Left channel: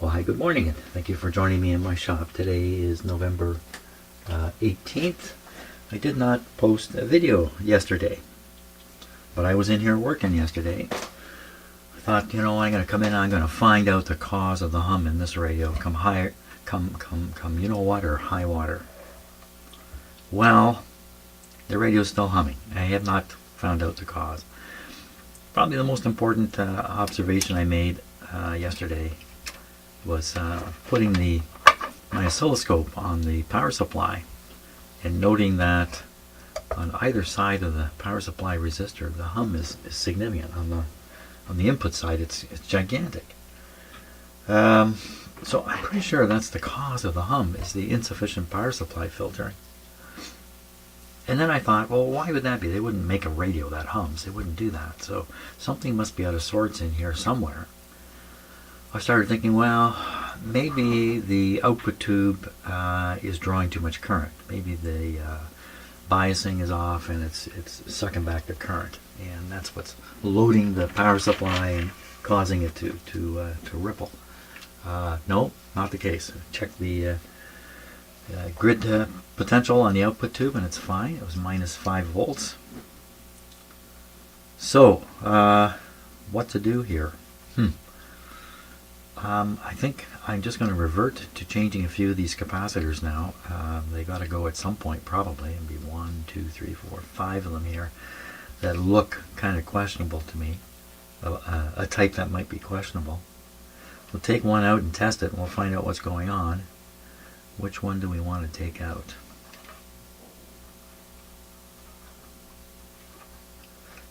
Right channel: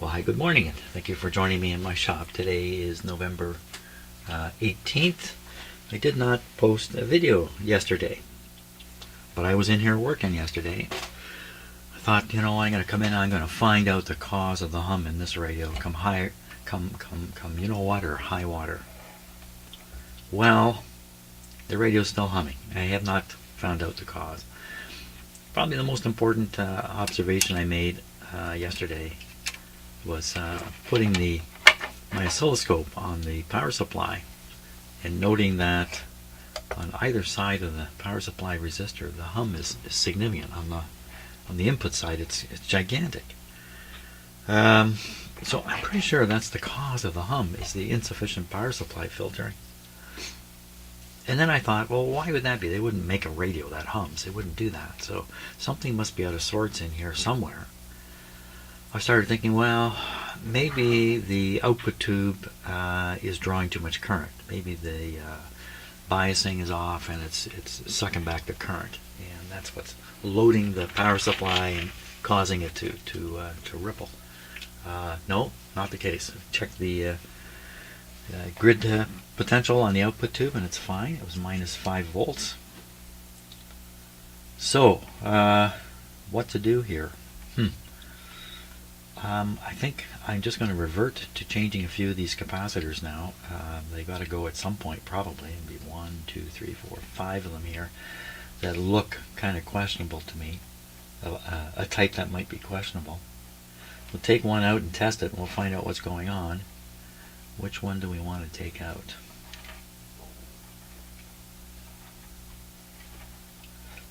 Well, hi, good morning, and thank you for joining me in my shop. Today is November 18th. I did not post a video yesterday, but I was in here working yesterday. I thought, I'm going to come in and I'm going to find out the cause of the hum in this radio. Come high, come, you know what, or high water. Well, the radio is still humming. I have not found out the cause. Probably the most important observation I made yesterday was putting my oscilloscope on the power supply and noting that on either side of the power supply resistor the hum is significant. On the input side it's gigantic. So I'm pretty sure that's the cause of the hum, is the insufficient power supply filtering. And then I thought, well, why would that be? They wouldn't make a radio that hums. They wouldn't do that. So something must be out of sorts in here somewhere. I started thinking, well, maybe the output tube is drawing too much current. Maybe the biasing is off and it's sucking back the current, and that's what's loading the power supply and causing it to ripple. No, not the case. Check the grid potential on the output tube, and it's fine. It was minus 5 volts. So, what to do here? I think I'm just going to revert to changing a few of these capacitors now. They got to go at some point, probably. It'll be 1, 2, 3, 4, 5 of them here that look kind of questionable to me. A type that might be questionable. We'll take one out and test it, and we'll find out what's going on. Which one do we want to take out?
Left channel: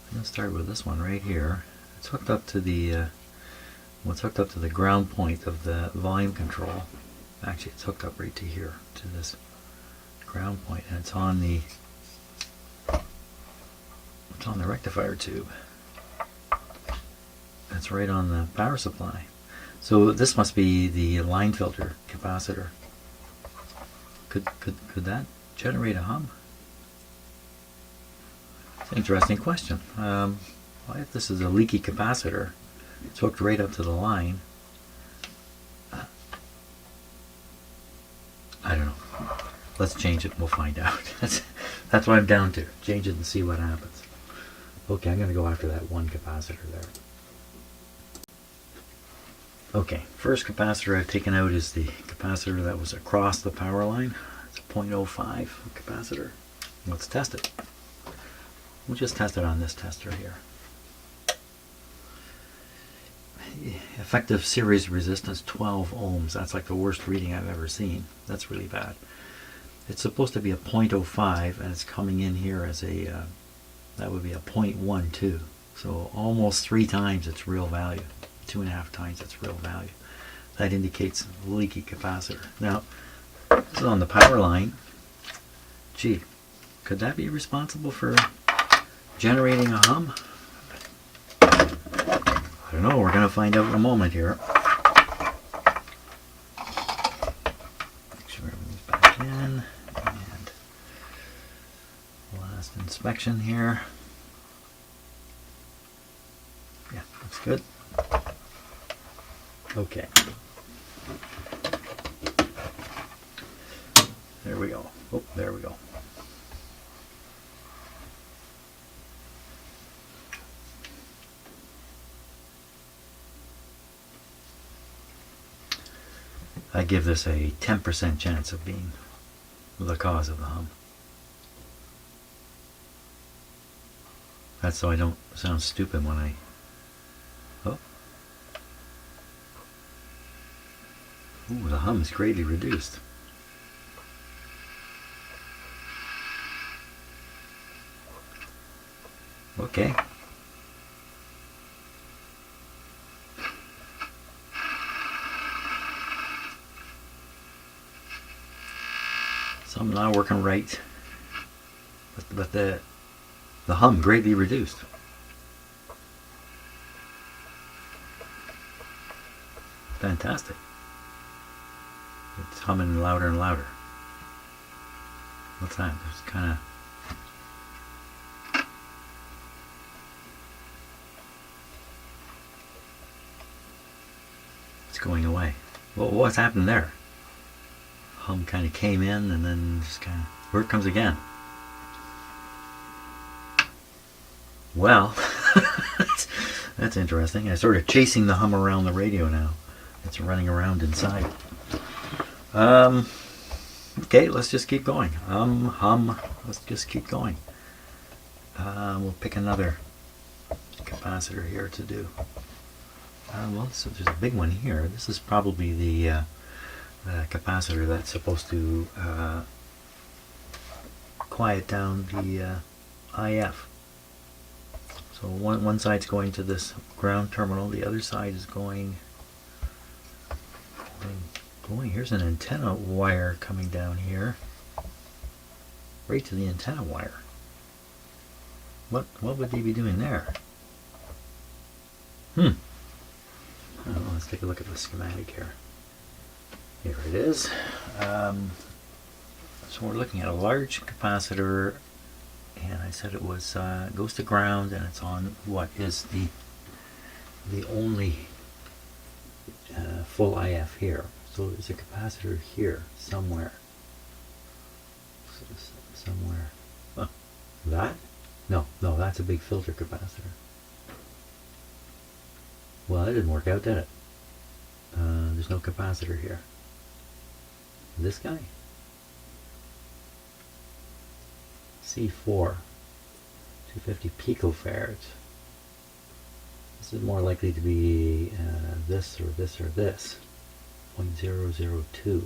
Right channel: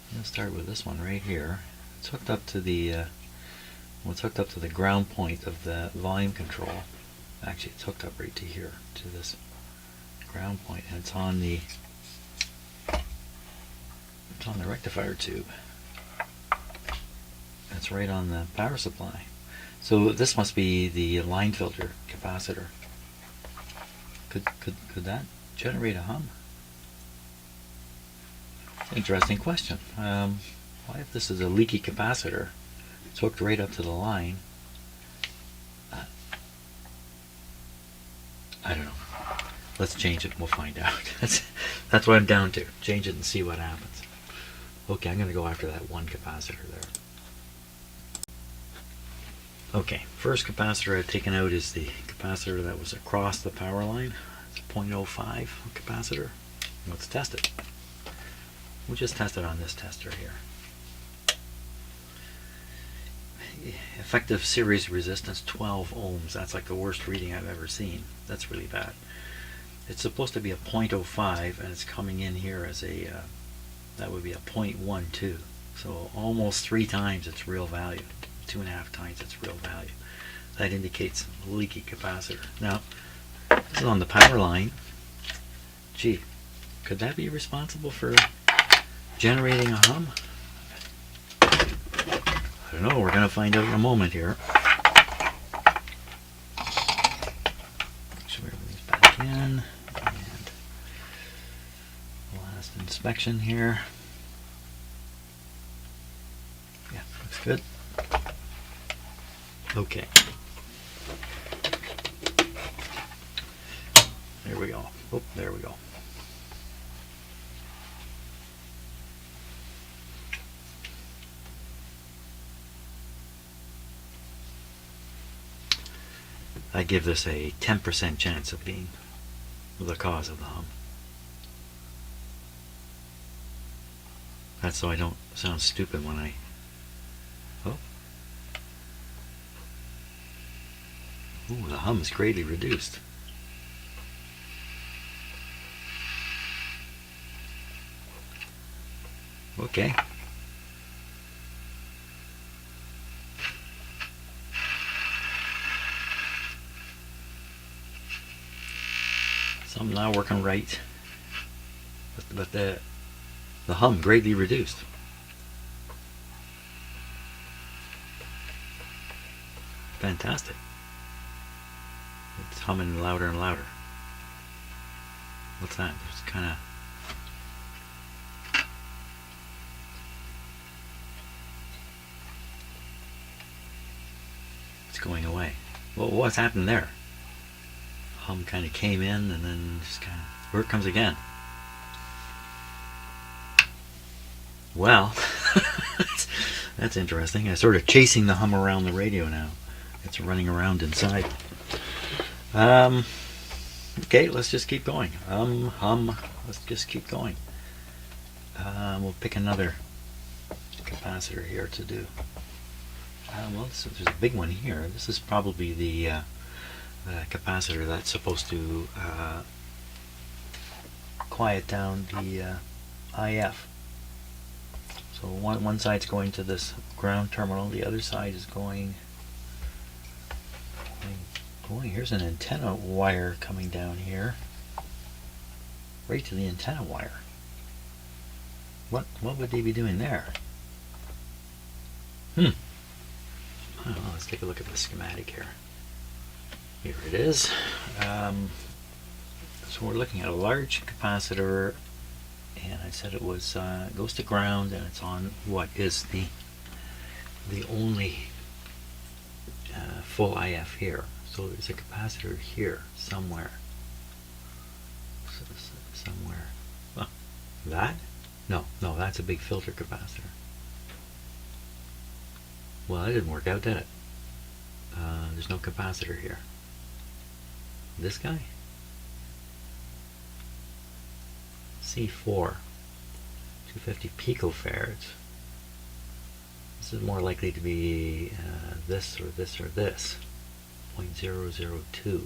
I'm going to start with this one right here. It's hooked up to the it's hooked up to the ground point of the volume control. Actually, it's hooked up right to here, to this ground point, and it's on the rectifier tube. That's right on the power supply. So this must be the line filter capacitor. Could that generate a hum? It's an interesting question. What if this is a leaky capacitor? It's hooked right up to the line. I don't know. Let's change it and we'll find out. That's what I'm down to. Change it and see what happens. Okay, I'm going to go after that one capacitor there. Okay, first capacitor I've taken out is the capacitor that was across the power line. It's a 0.05 capacitor. Let's test it. We'll just test it on this tester here. Effective series resistance 12 ohms. That's like the worst reading I've ever seen. That's really bad. It's supposed to be a 0.05, and it's coming in here as a that would be a 0.12. So almost 3 times its real value, 2.5 times its real value. That indicates a leaky capacitor. Now, this is on the power line. Gee, could that be responsible for generating a hum? I don't know, we're going to find out in a moment here. Make sure everything's back in. And last inspection here. Yeah, looks good. Okay. There we go. Oh, there we go. I give this a 10% chance of being the cause of the hum. That's so I don't sound stupid when I... Oh. Ooh, the hum is greatly reduced. Okay. Something not working right, but the hum greatly reduced. Fantastic. It's humming louder and louder. What's that? It's kind of... It's going away. Well, what's happened there? Hum kind of came in and then just kind of, where it comes again. Well, that's interesting. I'm sort of chasing the hum around the radio now. It's running around inside. Okay, let's just keep going. Hum. Let's just keep going. We'll pick another capacitor here to do. Well, there's a big one here. This is probably the capacitor that's supposed to quiet down the IF. So one side's going to this ground terminal, the other side is going. Here's an antenna wire coming down here, right to the antenna wire. What would they be doing there? I don't know. Let's take a look at the schematic here. Here it is. So we're looking at a large capacitor, and I said it was goes to ground, and it's on what is the only full IF here. So there's a capacitor here somewhere. Somewhere. Oh, that? No, that's a big filter capacitor. Well, that didn't work out, did it? There's no capacitor here. This guy? C4, 250 picofarads. This is more likely to be this or this or this. 0.002.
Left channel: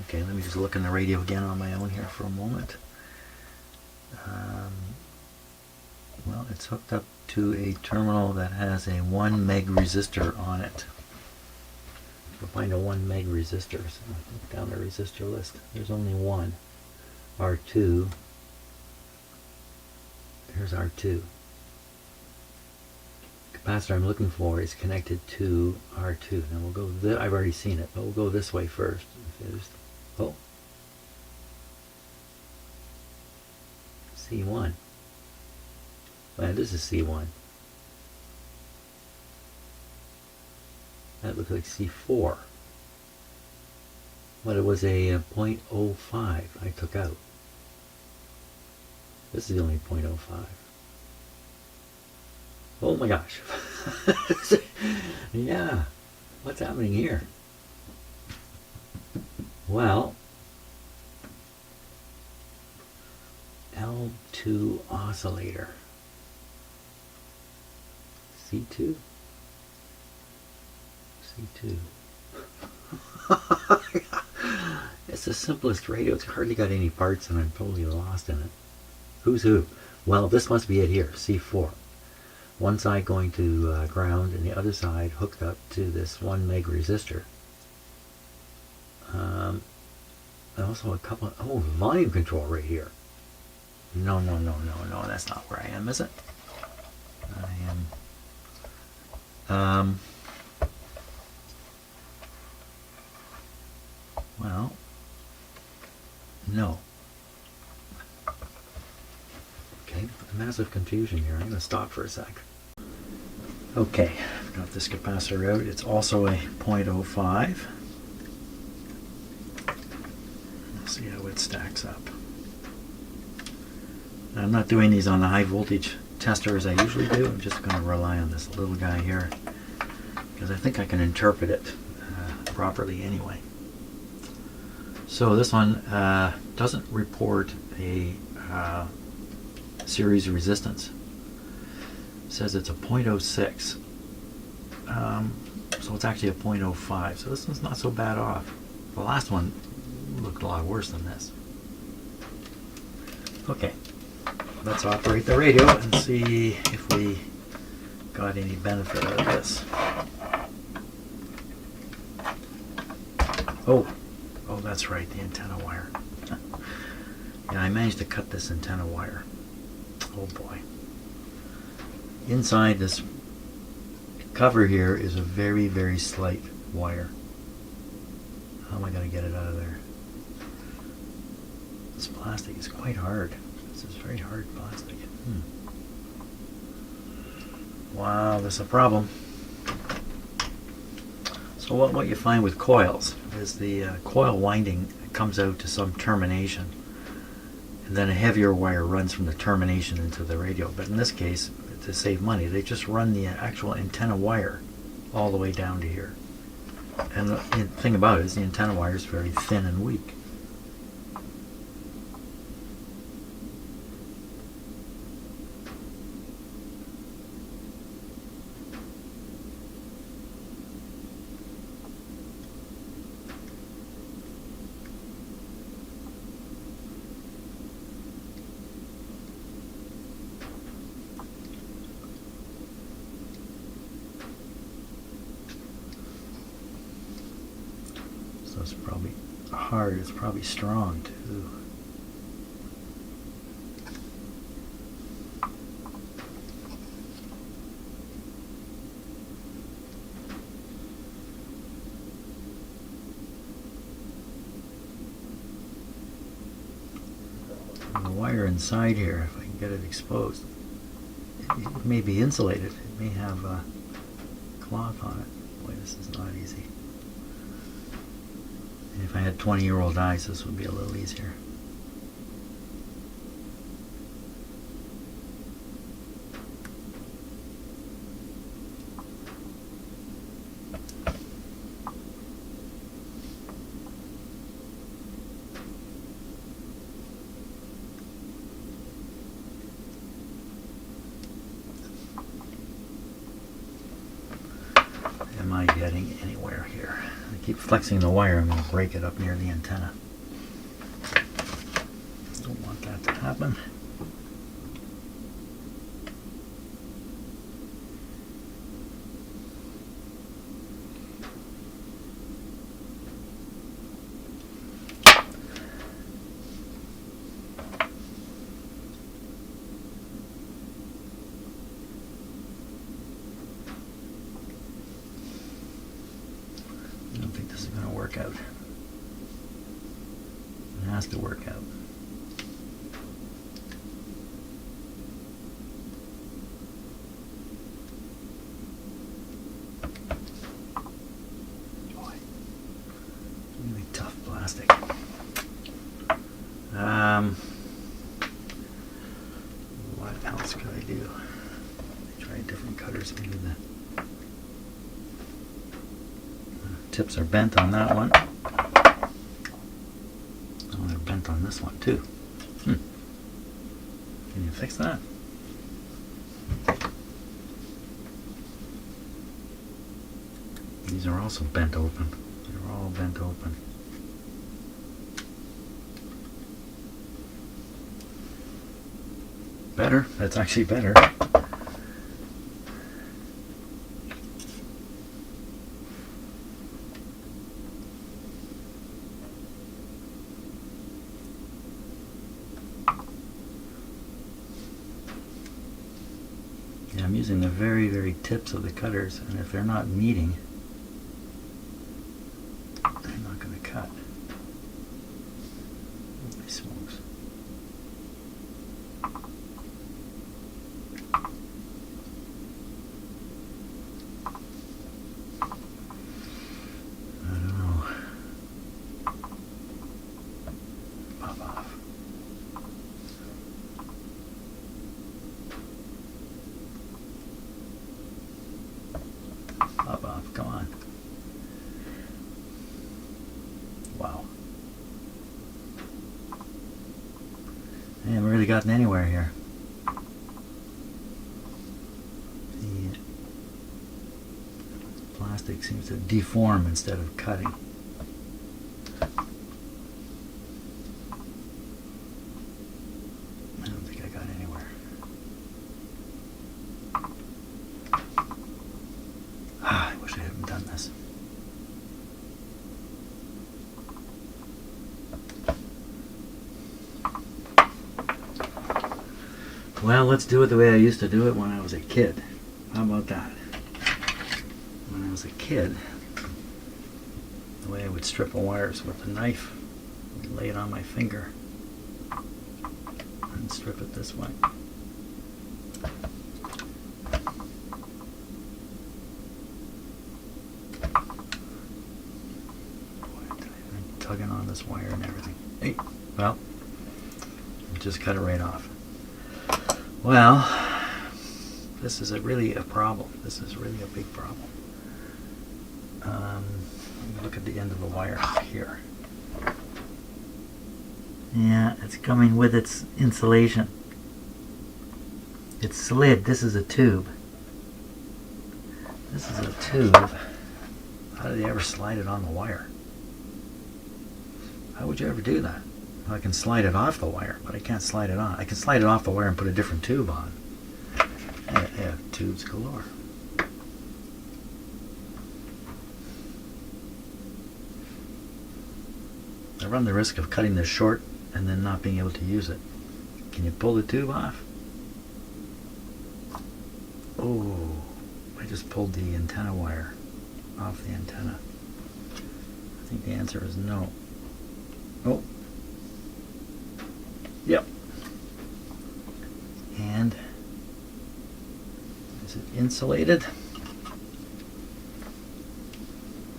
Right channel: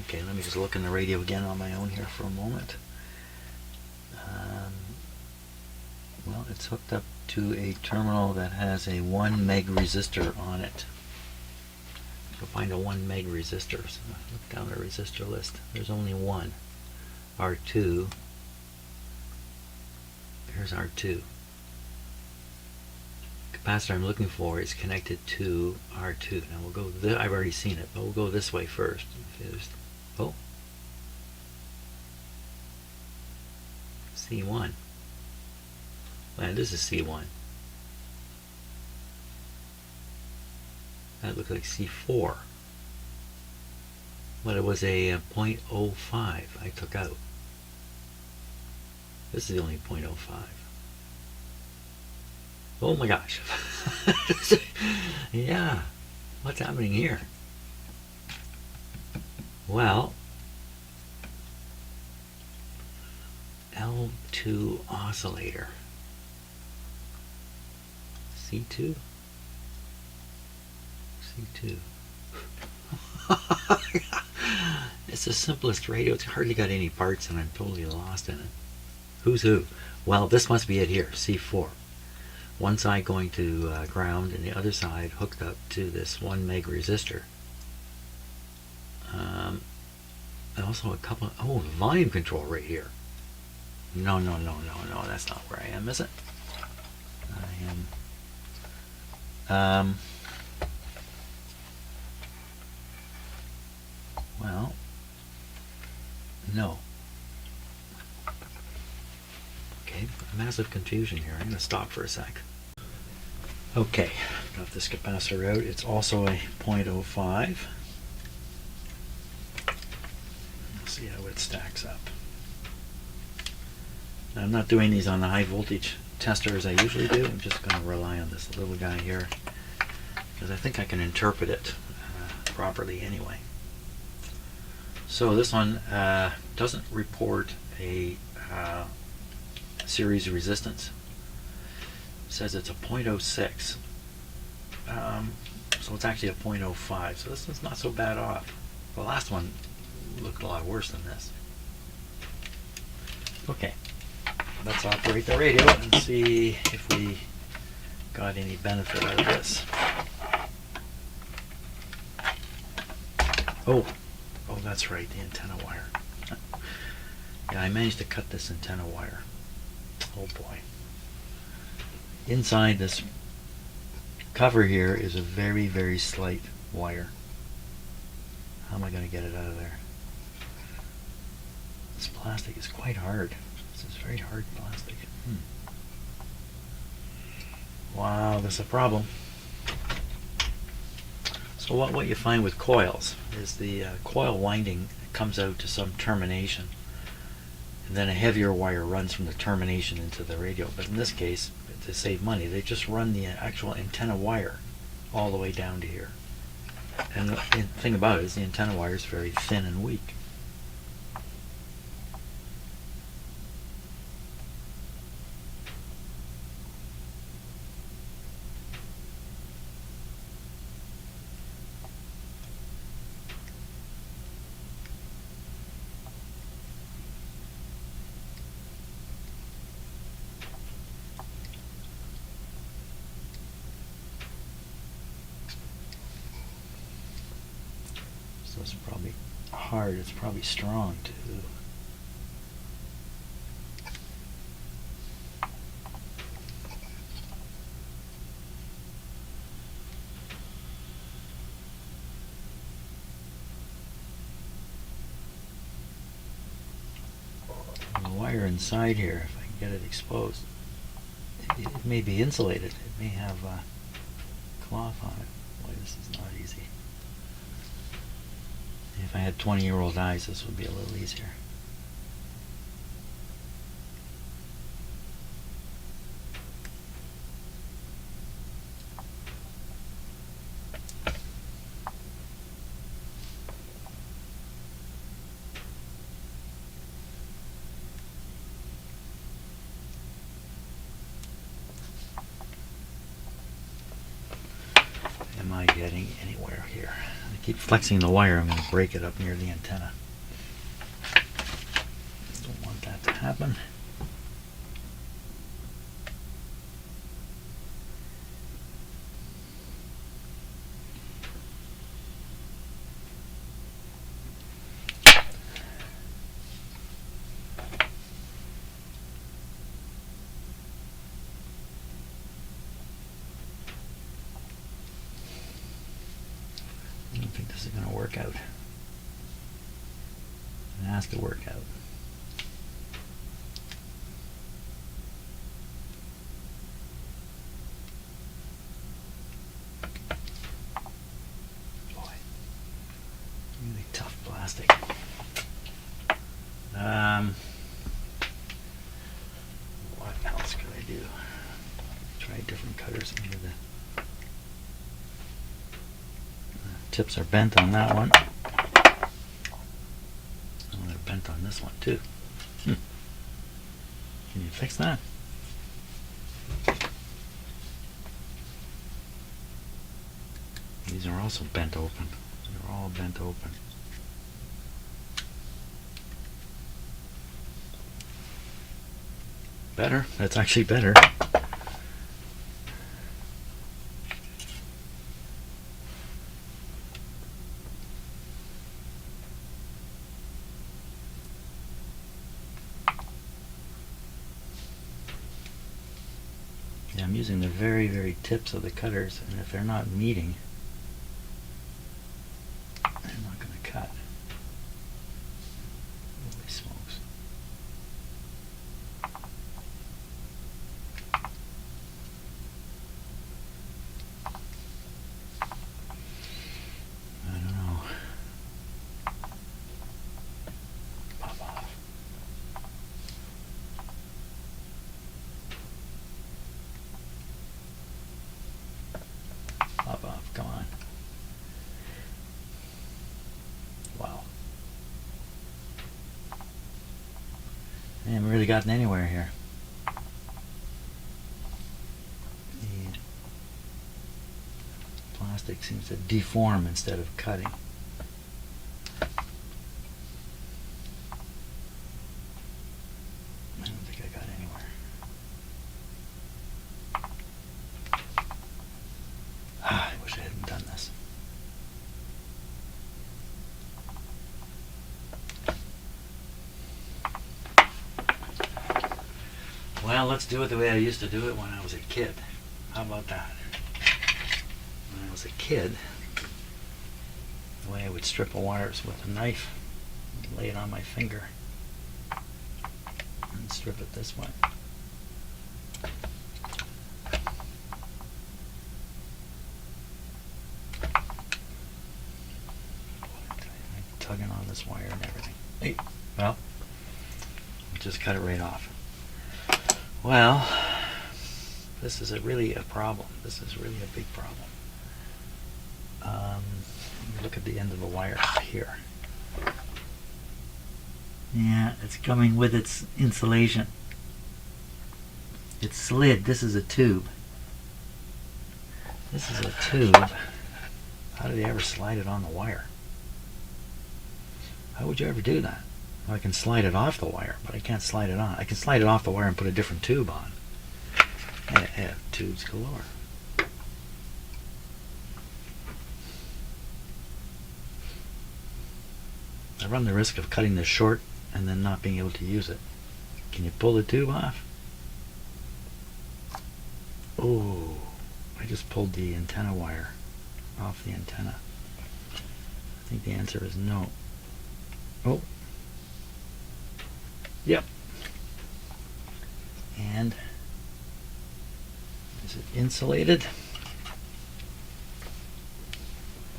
Okay, let me just look in the radio again on my own here for a moment. Well, it's hooked up to a terminal that has a 1 meg resistor on it. So find a 1 meg resistor. So look down the resistor list. There's only one. R2. Here's R2. Capacitor I'm looking for is connected to R2. Now we'll go. I've already seen it, but we'll go this way first. Oh, C1. Well, this is C1. That looks like C4. But it was a 0.05 I took out. This is only 0.05. Oh my gosh. Yeah. What's happening here? Well, L2 oscillator. C2? C2. It's the simplest radio. It's hardly got any parts and I'm totally lost in it. Who's who? Well, this must be it here. C4. One side going to ground and the other side hooked up to this 1 meg resistor. And also a couple of, volume control right here. No, that's not where I am, is it? I am, well, no. Okay, massive confusion here. I'm going to stop for a sec. Okay, got this capacitor out. It's also a 0.05. Let's see how it stacks up. Now, I'm not doing these on the high voltage tester as I usually do. I'm just going to rely on this little guy here because I think I can interpret it properly anyway. So this one doesn't report a series resistance. It says it's a 0.06. So it's actually a 0.05. So this one's not so bad off. The last one looked a lot worse than this. Okay, let's operate the radio and see if we got any benefit out of this. Oh, that's right, the antenna wire. Yeah, I managed to cut this antenna wire. Oh boy. Inside this cover here is a very, very slight wire. How am I going to get it out of there? This plastic is quite hard. This is very hard plastic. Wow, there's a problem. So what you find with coils is the coil winding comes out to some termination, and then a heavier wire runs from the termination into the radio. But in this case, to save money, they just run the actual antenna wire all the way down to here. And the thing about it is the antenna wire is very thin and weak. So it's probably hard, it's probably strong too. And the wire inside here, if I can get it exposed, it may be insulated. It may have cloth on it. Boy, this is not easy. If I had 20-year-old eyes, this would be a little easier. Am I getting anywhere here? I keep flexing the wire. I'm going to break it up near the antenna. Don't want that to happen. I don't think this is going to work out. It has to work out. Boy, really tough plastic. What else could I do? Try different cutters. Maybe the tips are bent on that one. Oh, they're bent on this one too. Can you fix that? These are also bent open. They're all bent open. Better. That's actually better. Yeah, I'm using the very, very tips of the cutters, and if they're not meeting, they're not going to cut. Holy smokes. I don't know. Pop off. Pop off, come on. Wow. Man, we really gotten anywhere here. The plastic seems to deform instead of cutting. I don't think I got anywhere. I wish I hadn't done this. Well, let's do it the way I used to do it when I was a kid. How about that? When I was a kid, the way I would strip a wires with a knife, I'd lay it on my finger and strip it this way. tugging on this wire and everything. Hey, well, just cut it right off. Well, this is really a problem. This is really a big problem. Let me look at the end of the wire here. Yeah, it's coming with its insulation. It's slid. This is a tube. This is a tube. How do they ever slide it on the wire? How would you ever do that? Well, I can slide it off the wire, but I can't slide it on. I can slide it off the wire and put a different tube on. I have tubes galore. I run the risk of cutting this short and then not being able to use it. Can you pull the tube off? Oh, I just pulled the antenna wire off the antenna. I think the answer is no. Oh. Yep. And is it insulated?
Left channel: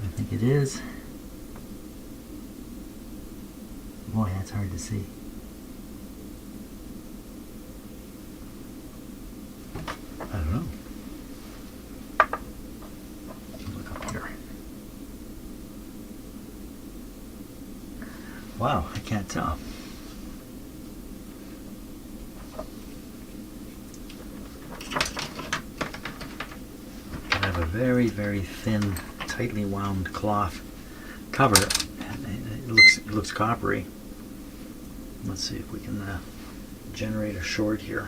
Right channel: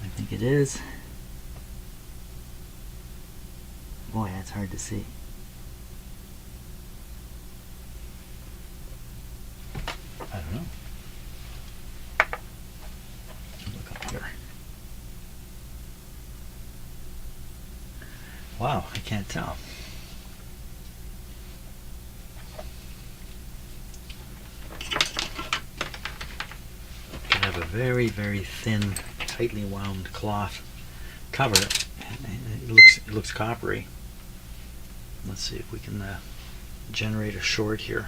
I think it is. Boy, that's hard to see. I don't know. Look up here. Wow, I can't tell. I have a very, very thin, tightly wound cloth cover, and it looks coppery. Let's see if we can generate a short here.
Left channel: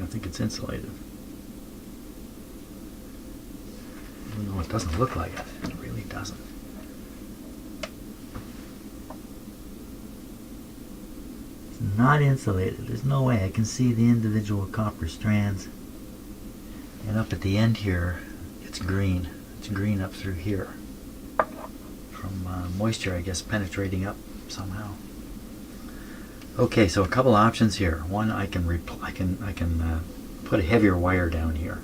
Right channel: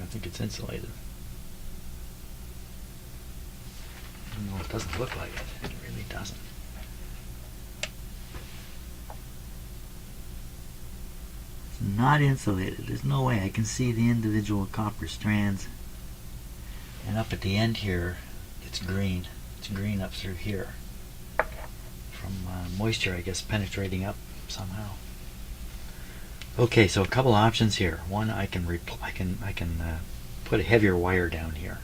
I think it's insulated. Even though it doesn't look like it. It really doesn't. It's not insulated. There's no way. I can see the individual copper strands. And up at the end here, it's green. It's green up through here. From moisture, I guess, penetrating up somehow. Okay, so a couple options here. One, I can put a heavier wire down here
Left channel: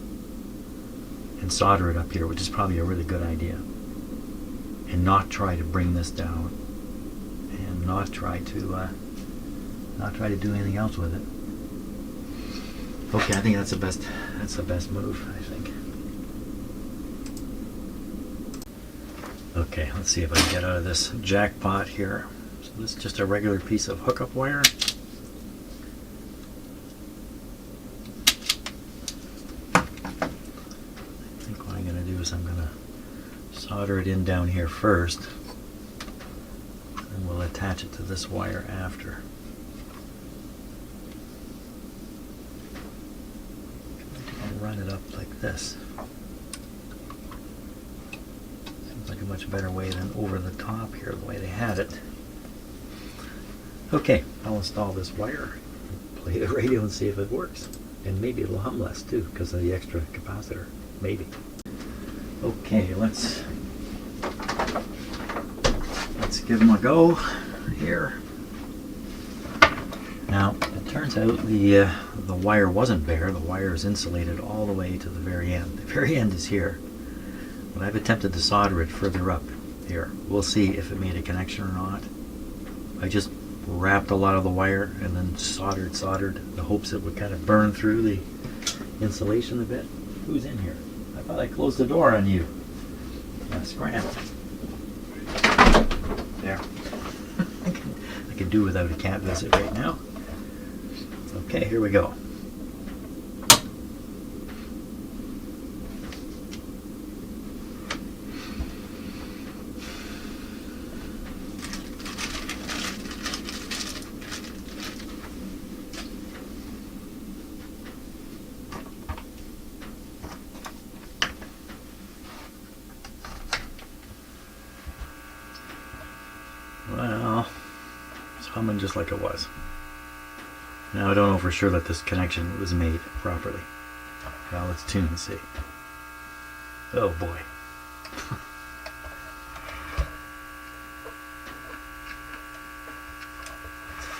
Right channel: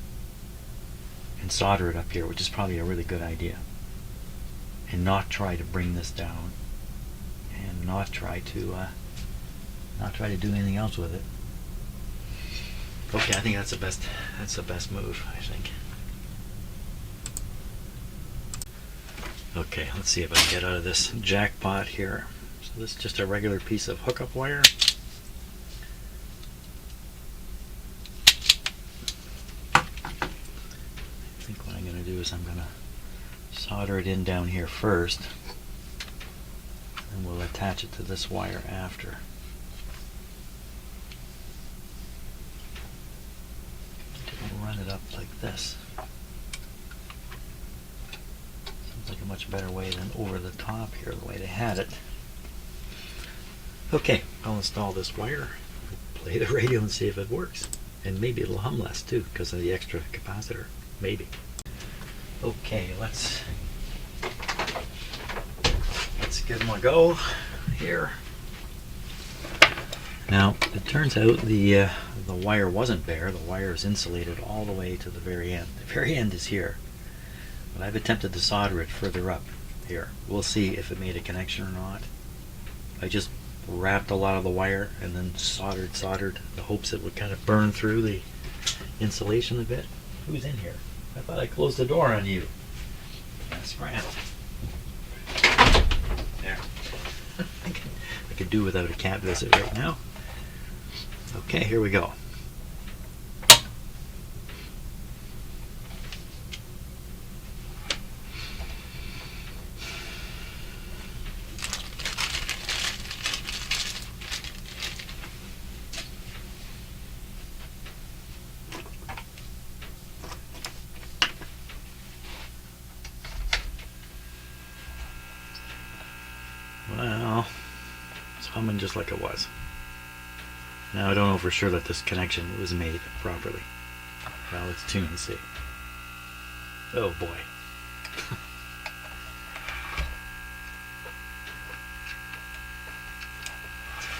and solder it up here, which is probably a really good idea, and not try to bring this down, and not try to do anything else with it. Okay, I think that's the best move, I think. Okay, let's see if I can get out of this jackpot here. So this is just a regular piece of hookup wire. I think what I'm going to do is I'm going to solder it in down here first, and we'll attach it to this wire after. I'll run it up like this. Seems like a much better way than over the top here, the way they had it. Okay, I'll install this wire, play the radio and see if it works. And maybe it'll hum less too, because of the extra capacitor. Maybe. Okay, let's give them a go here. Now, it turns out the wire wasn't bare. The wire is insulated all the way to the very end. The very end is here. But I've attempted to solder it further up here. We'll see if it made a connection or not. I just wrapped a lot of the wire and then soldered the hopes it would kind of burn through the insulation a bit. Who's in here? I thought I closed the door on you. Scram. There. I could do without a cat visit right now. Okay, here we go. Well, it's humming just like it was. Now I don't know for sure that this connection was made properly. Well, let's tune and see. Oh boy.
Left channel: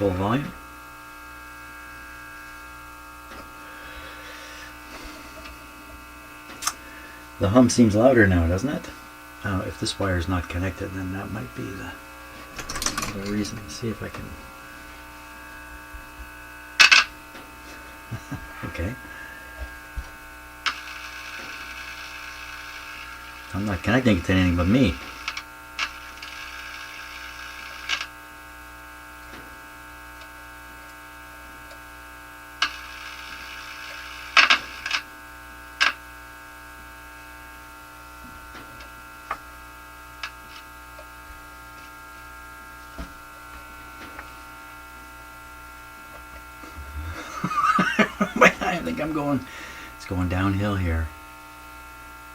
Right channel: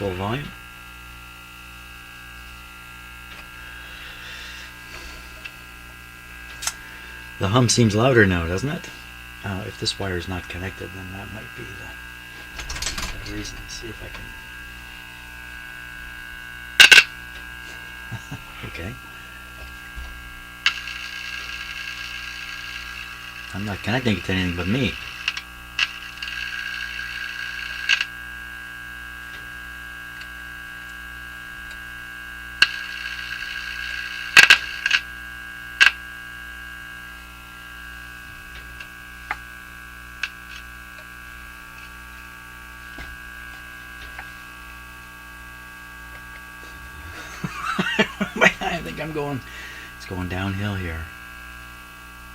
full volume. The hum seems louder now, doesn't it? If this wire is not connected, then that might be the reason. Let's see if I can... Okay. I'm not connecting it to anything but me. I think it's going downhill here,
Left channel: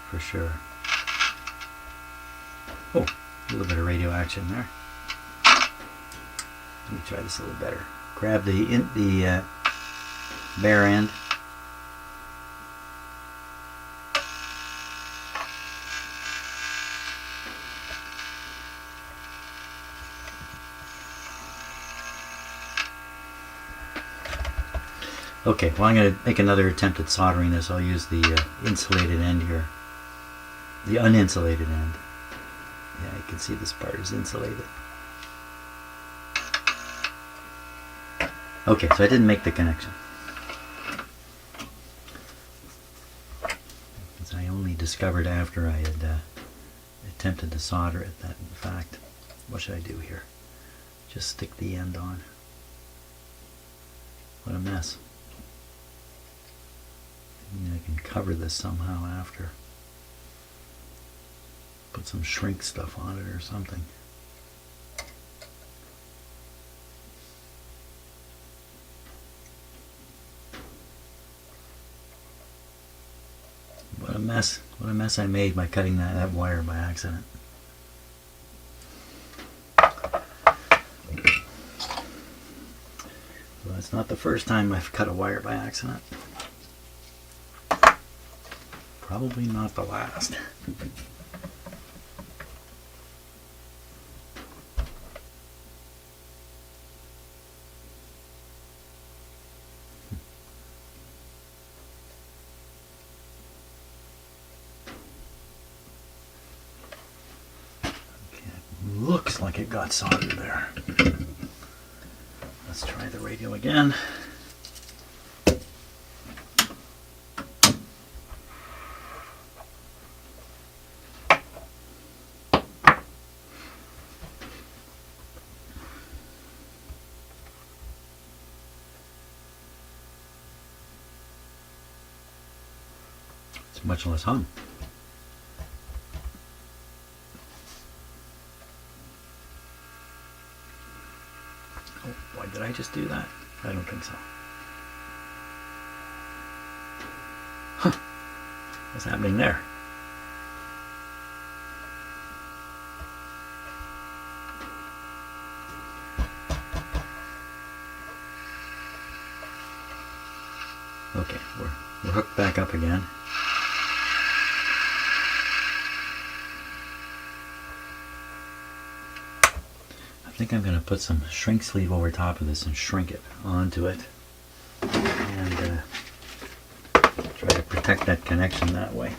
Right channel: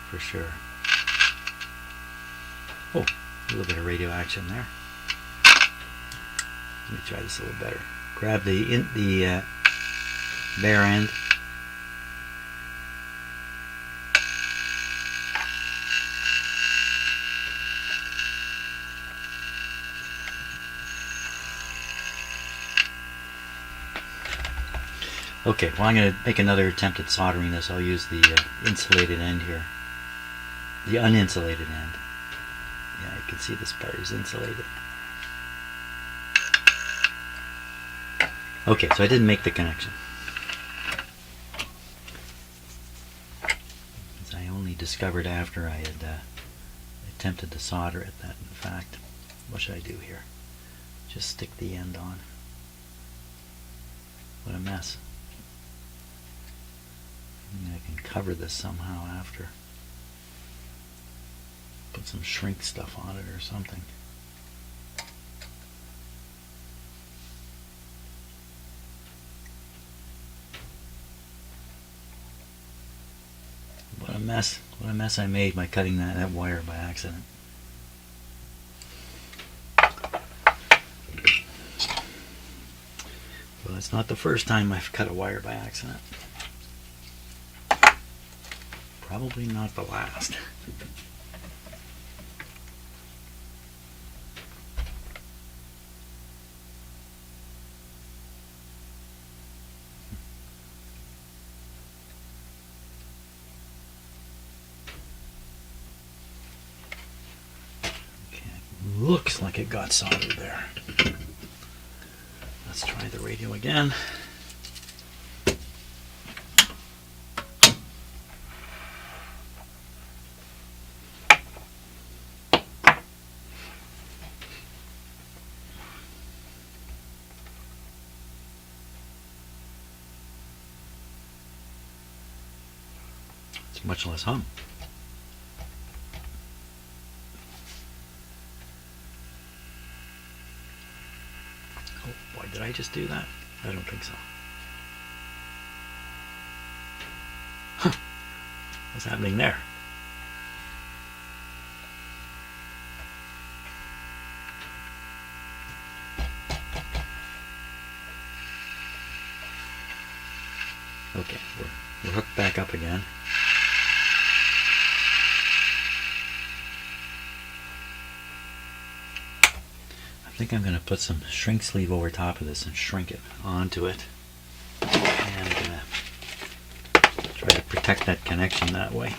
for sure. Oh, a little bit of radio action there. Let me try this a little better. Grab the bare end. Okay, well, I'm going to make another attempt at soldering this. I'll use the insulated end here. The uninsulated end. Yeah, you can see this part is insulated. Okay, so I didn't make the connection. As I only discovered after I had attempted to solder it that, in fact, what should I do here? Just stick the end on. What a mess. Maybe I can cover this somehow after. Put some shrink stuff on it or something. What a mess. What a mess I made by cutting that wire by accident. Well, it's not the first time I've cut a wire by accident. Probably not the last. Okay, looks like it got soldered there. Let's try the radio again. Much less hum. Oh boy, did I just do that? I don't think so. Huh. What's happening there? Okay, we're hooked back up again. I think I'm going to put some shrink sleeve over top of this and shrink it onto it, and try to protect that connection that way.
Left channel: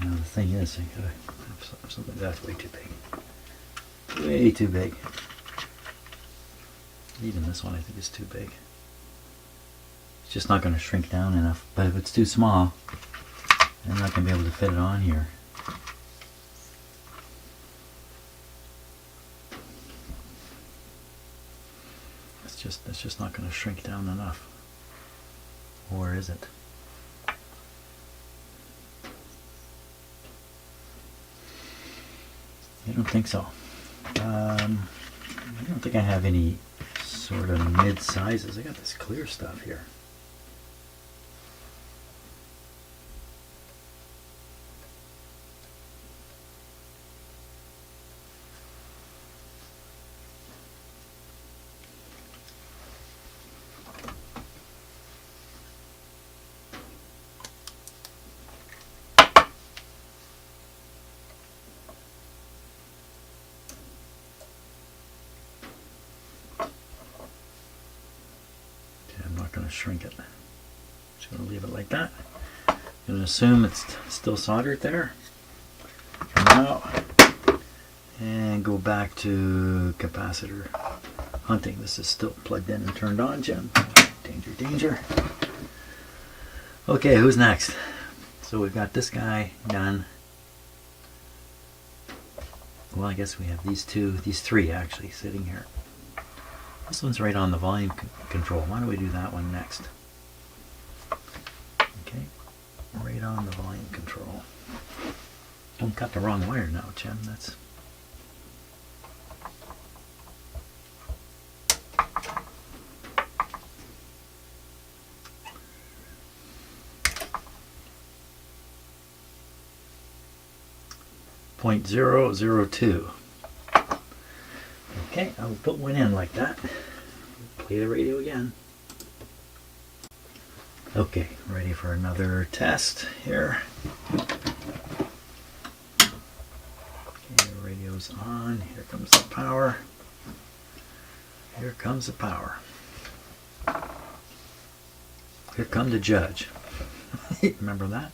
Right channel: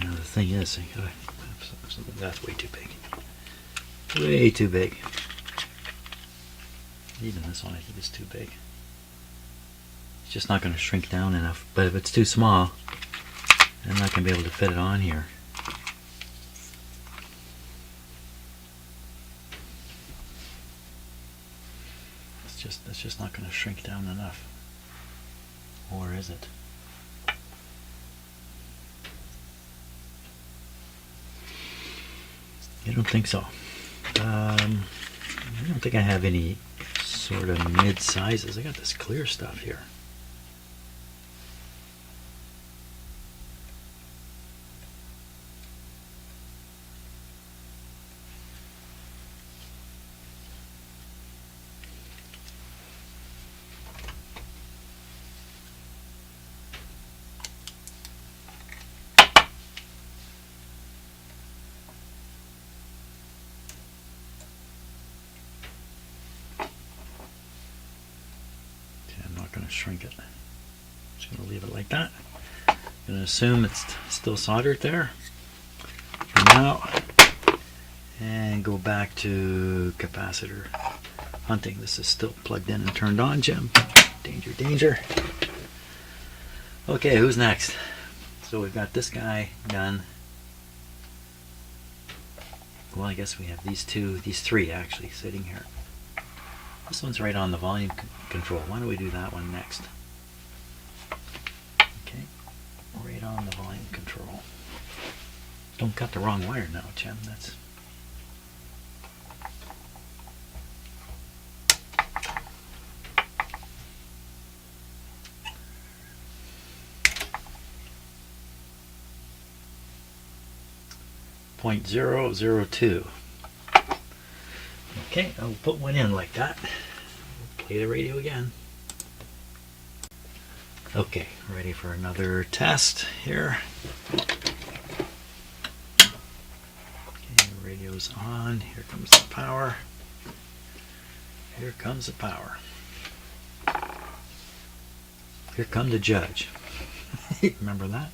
Now the thing is, that's way too big. Way too big. Even this one I think is too big. It's just not going to shrink down enough. But if it's too small, then I'm not going to be able to fit it on here. It's just not going to shrink down enough. Or is it? I don't think so. I don't think I have any sort of mid sizes. I got this clear stuff here. going to shrink it. Just going to leave it like that. I'm going to assume it's still soldered there. Now, and go back to capacitor hunting. This is still plugged in and turned on, Jim. Danger, danger. Okay, who's next? So we've got this guy done. Well, I guess we have these three actually sitting here. This one's right on the volume control. Why don't we do that one next? Okay, right on the volume control. Don't cut the wrong wire now, Jim. That's... .002. Okay, I'll put one in like that. Play the radio again. Okay, ready for another test here. Okay, the radio's on. Here comes the power. Here comes the power. Here come the judge. Remember that?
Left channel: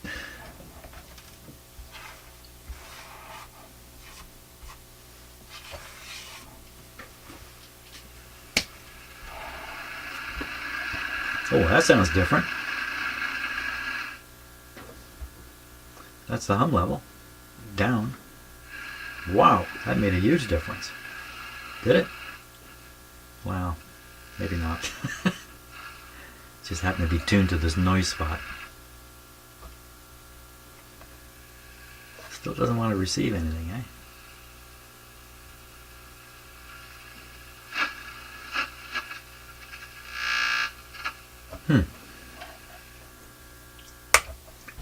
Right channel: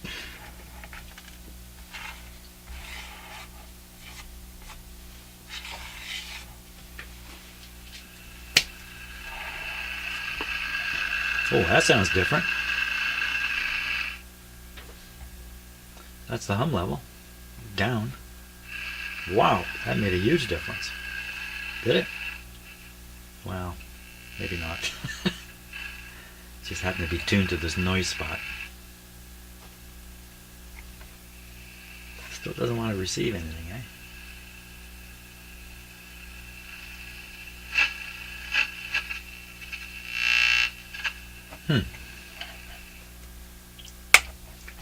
Oh, that sounds different. That's the hum level. Down. Wow, that made a huge difference. Did it? Well, maybe not. It just happened to be tuned to this noise spot. Still doesn't want to receive anything, eh?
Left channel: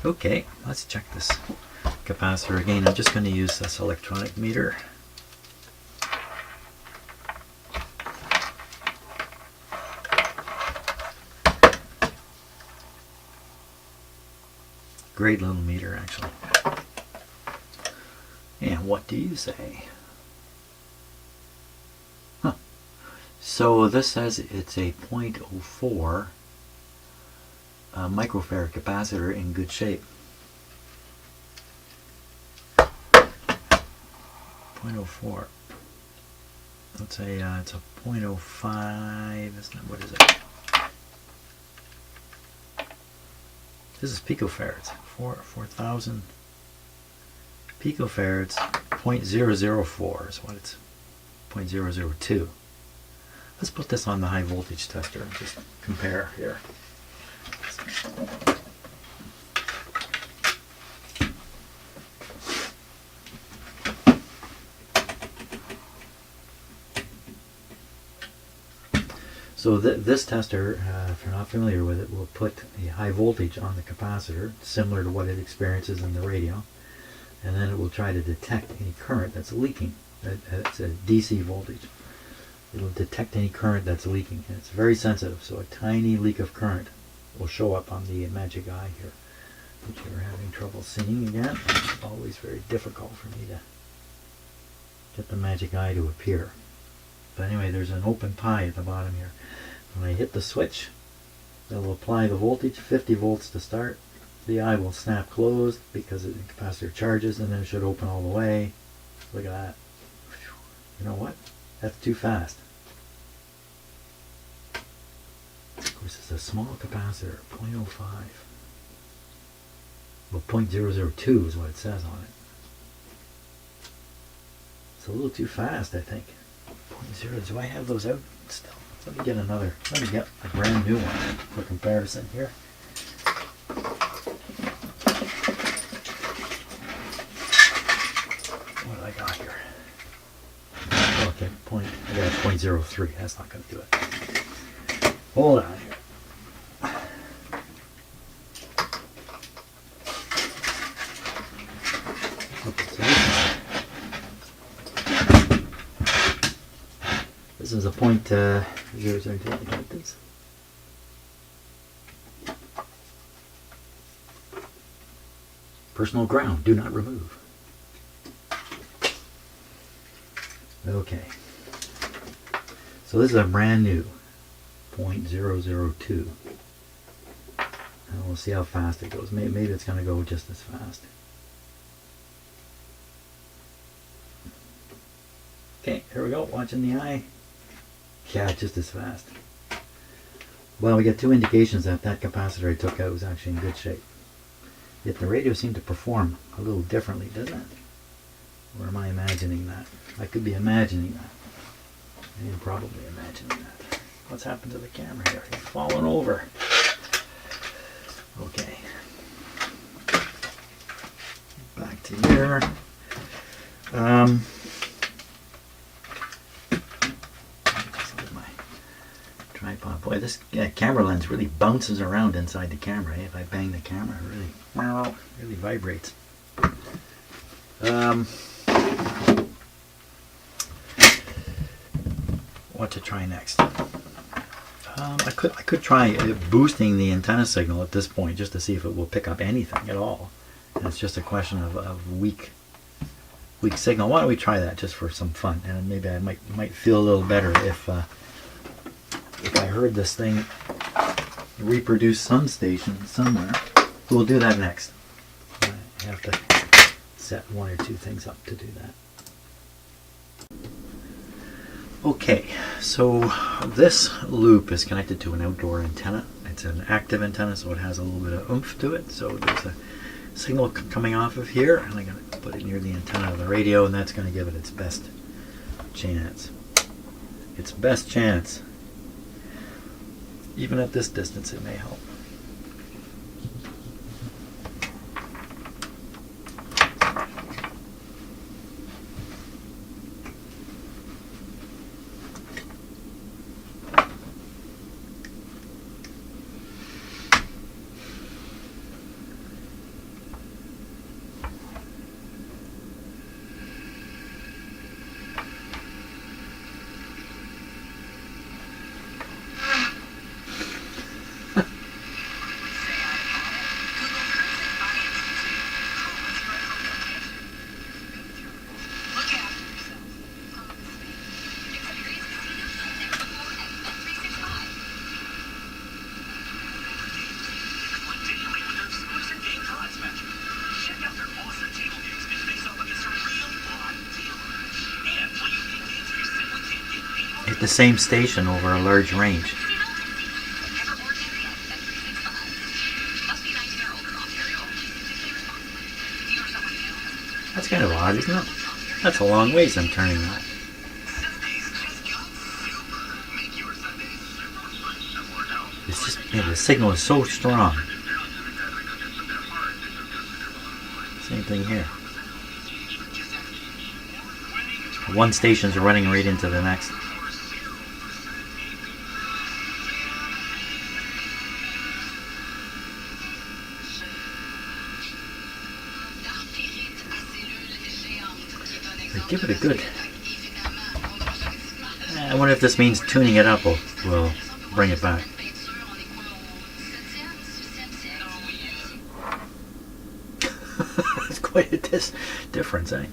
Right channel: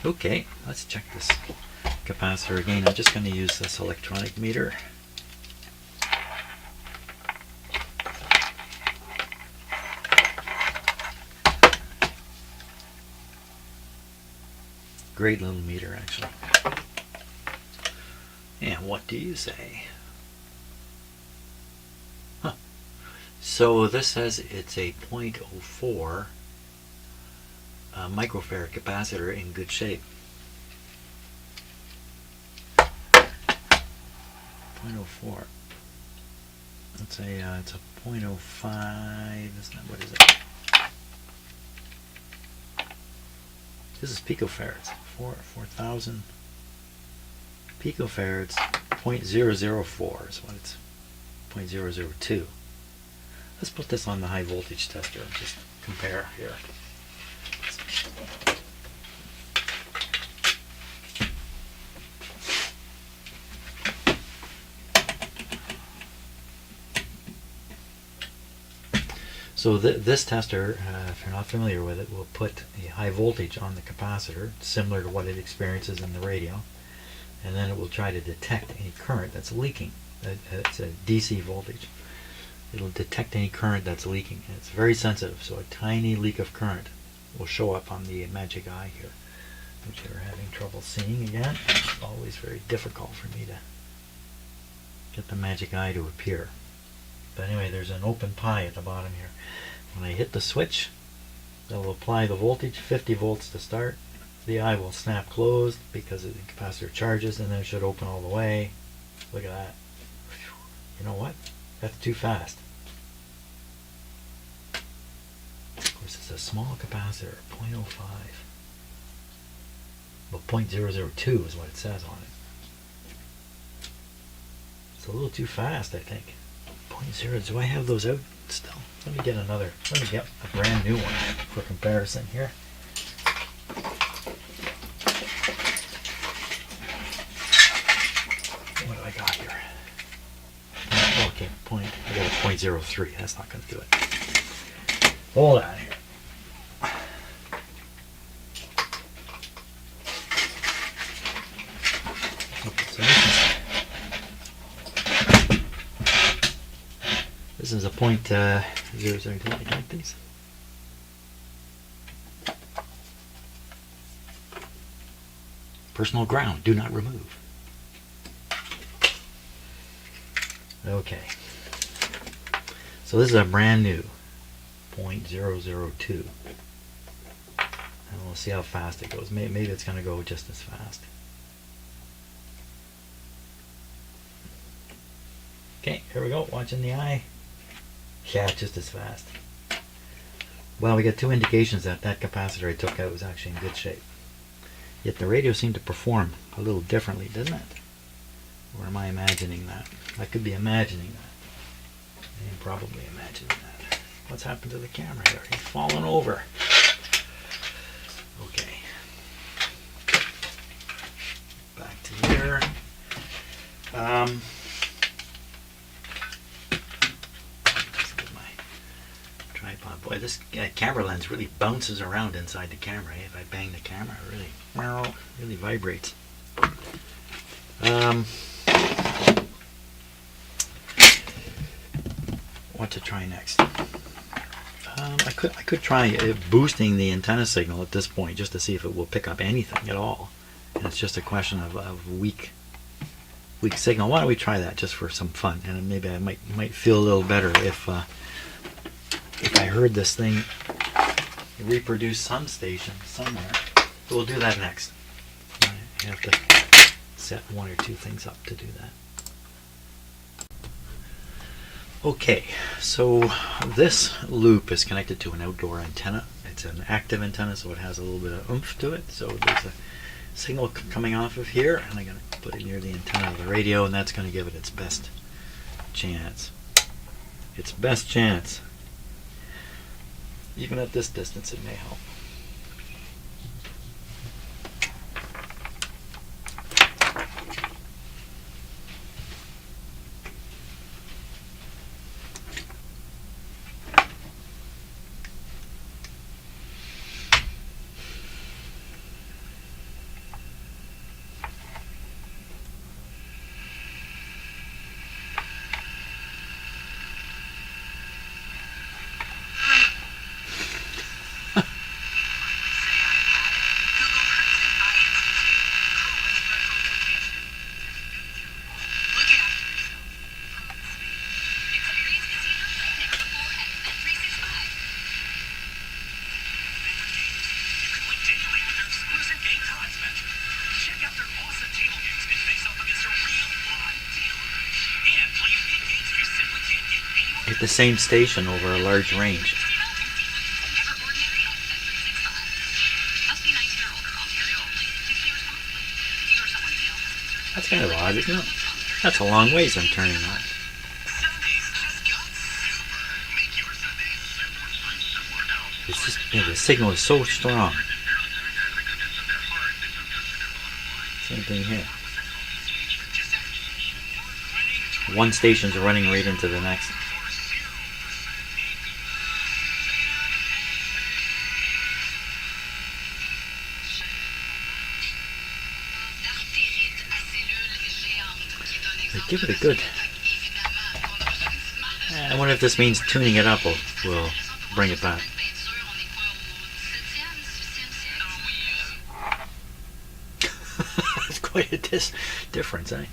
Okay, let's check this capacitor again. I'm just going to use this electronic meter. Great little meter, actually. And what do you say? Huh. So this says it's a 0.04 microfarad capacitor in good shape. 0.04. Let's say it's a 0.05. That's not, what is it? This is picofarads. 4,000 picofarads. 0.004 is what it's. 0.002. Let's put this on the high voltage tester and just compare here. So this tester, if you're not familiar with it, will put a high voltage on the capacitor, similar to what it experiences in the radio, and then it will try to detect any current that's leaking. It's a DC voltage. It'll detect any current that's leaking, and it's very sensitive, so a tiny leak of current will show up on the magic eye here, which you're having trouble seeing again. It's always very difficult for me to get the magic eye to appear. But anyway, there's an open pie at the bottom here. When I hit the switch, that will apply the voltage, 50 volts to start. The eye will snap closed because the capacitor charges, and then it should open all the way. Look at that. You know what? That's too fast. Of course, it's a small capacitor, 0.05. Well, 0.002 is what it says on it. It's a little too fast, I think. 0.0, do I have those out still? Let me get a brand new one for comparison here. What do I got here? Okay, I got a 0.03. That's not going to do it. Hold on here. This is a point, here's our these. Personal ground, do not remove. Okay. So this is a brand new 0.002. We'll see how fast it goes. Maybe it's going to go just as fast. Okay, here we go. Watching the eye. Yeah, just as fast. Well, we get two indications that that capacitor I took out was actually in good shape. Yet the radio seemed to perform a little differently, doesn't it? Or am I imagining that? I could be imagining that. You're probably imagining that. What's happened to the camera here? It's fallen over. Okay. Back to here. Just get my tripod. Boy, this camera lens really bounces around inside the camera. If I bang the camera, it really vibrates. What to try next? I could try boosting the antenna signal at this point just to see if it will pick up anything at all. And it's just a question of weak signal. Why don't we try that just for some fun? And maybe I might feel a little better if I heard this thing reproduce some station somewhere. We'll do that next. I have to set one or two things up to do that. Okay, so this loop is connected to an outdoor antenna. It's an active antenna, so it has a little bit of oomph to it. So there's a signal coming off of here, and I'm going to put it near the antenna of the radio, and that's going to give it its best chance. Its best chance. Even at this distance, it may help. The same station over a large range. That's kind of odd, isn't it? That's a long ways I'm turning that. It's just, the signal is so strong. Same thing here. One station's running right into the next. Give it a good. I wonder if this means tuning it up will bring it back. It's quite a difference, eh?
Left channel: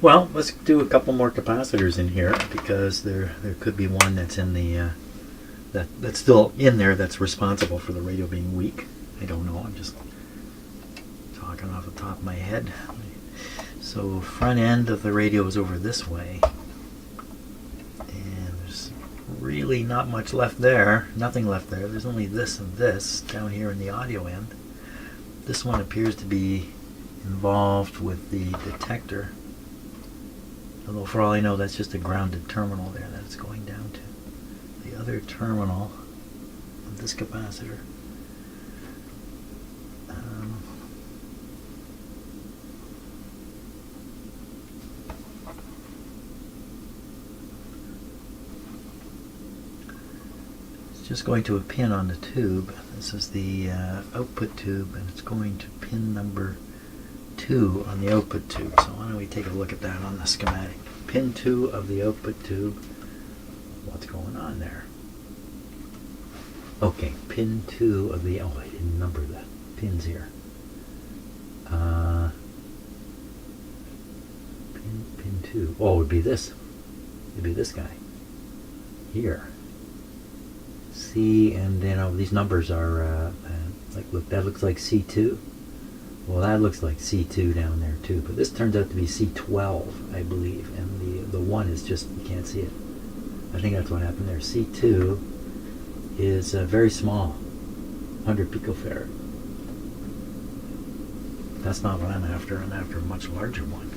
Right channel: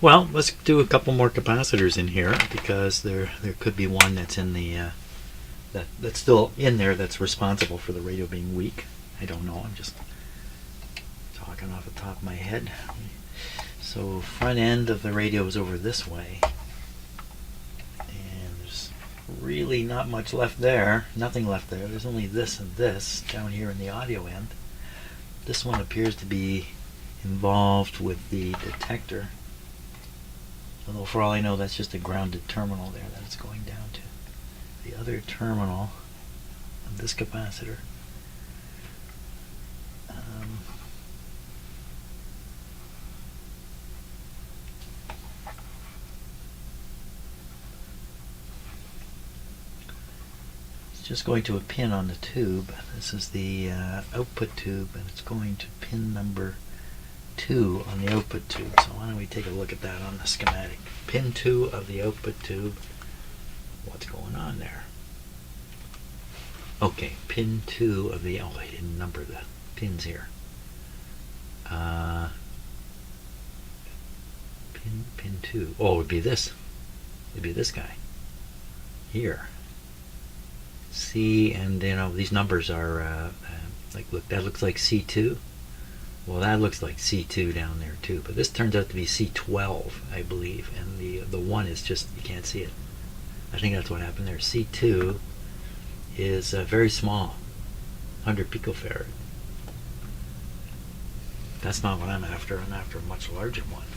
Well, let's do a couple more capacitors in here because there could be one that's in the that's still in there that's responsible for the radio being weak. I don't know. I'm just talking off the top of my head. So front end of the radio is over this way, and there's really not much left there. Nothing left there. There's only this and this down here in the audio end. This one appears to be involved with the detector, although for all I know that's just a grounded terminal there that it's going down to. The other terminal of this capacitor it's just going to a pin on the tube. This is the output tube, and it's going to pin number 2 on the output tube. So why don't we take a look at that on the schematic. Pin 2 of the output tube. What's going on there? Okay, pin 2 of the, I didn't number the pins here. Pin 2 2. Oh, it would be this. It'd be this guy here. C, and these numbers are like, look, that looks like C2. Well, that looks like C2 down there too, but this turns out to be C12, I believe, and the 1 is just, you can't see it. I think that's what happened there. C2 is very small, 100 picofarad. That's not what I'm after. I'm after a much larger one.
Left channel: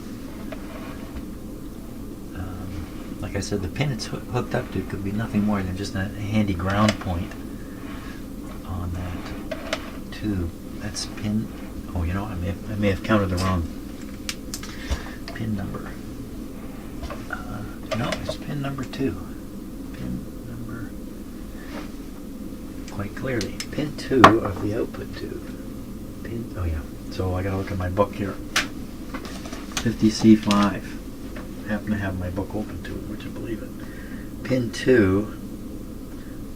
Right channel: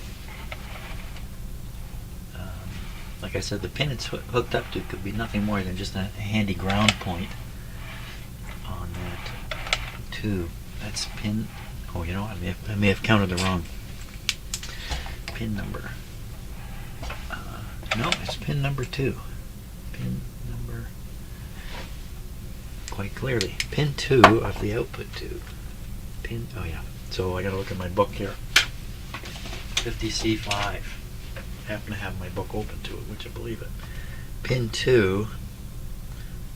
Like I said, the pin it's hooked up to could be nothing more than just a handy ground point on that tube. That's pin. Oh, you know, I may have counted the wrong pin number. No, it's pin number 2. Pin number, quite clearly, pin 2 of the output tube. Pin. Oh yeah. So I got to look at my book here. 50C5. I happen to have my book open to it, would you believe it? Pin 2.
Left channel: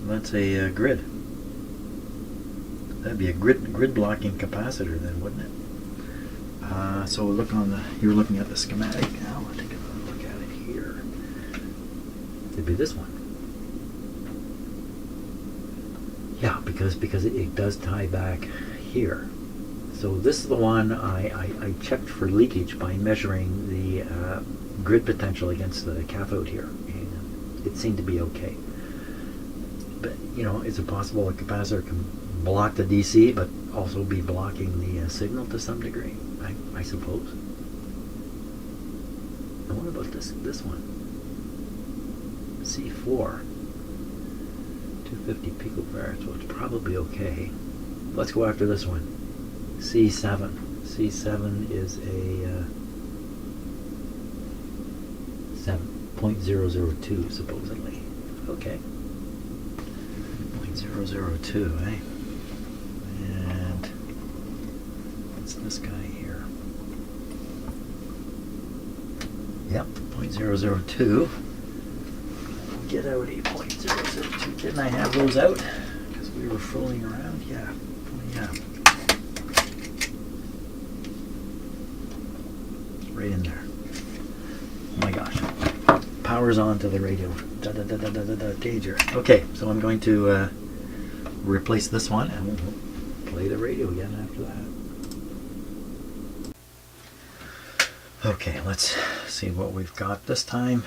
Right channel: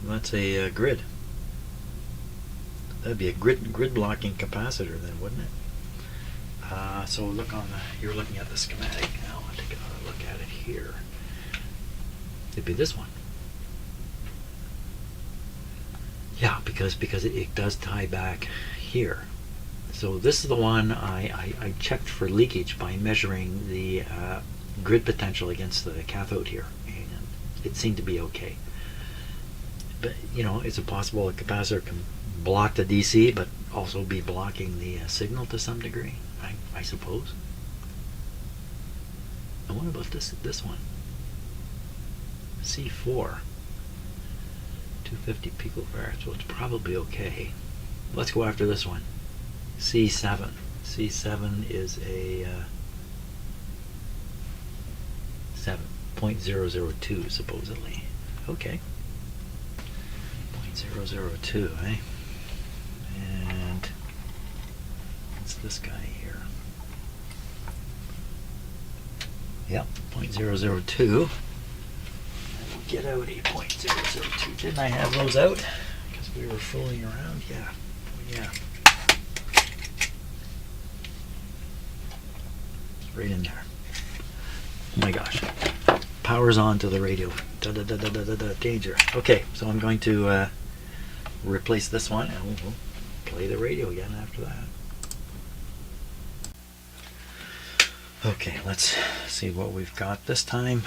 That's a grid. That'd be a grid blocking capacitor then, wouldn't it? So look on the. You're looking at the schematic now. I'll take a look at it here. It'd be this one. Yeah, because it does tie back here. So this is the one I checked for leakage by measuring the grid potential against the cathode here, and it seemed to be okay. But you know, is it possible a capacitor can block the DC but also be blocking the signal to some degree? I suppose. And what about this one? C4, 250 picofarad, so it's probably okay. Let's go after this one. C7. C7 is a 7.002 supposedly. Okay. 0.002, eh? And what's this guy here? Yep, 0.002. Get out a 0.002. Didn't I have those out? Because we were fooling around? Yeah. Oh, yeah. Right in there. Oh my gosh. Power's on to the radio. Da, da, da, da, da, da, da, danger. Okay, so I'm going to replace this one and we'll play the radio again after that. Okay, let's see what we've got this time.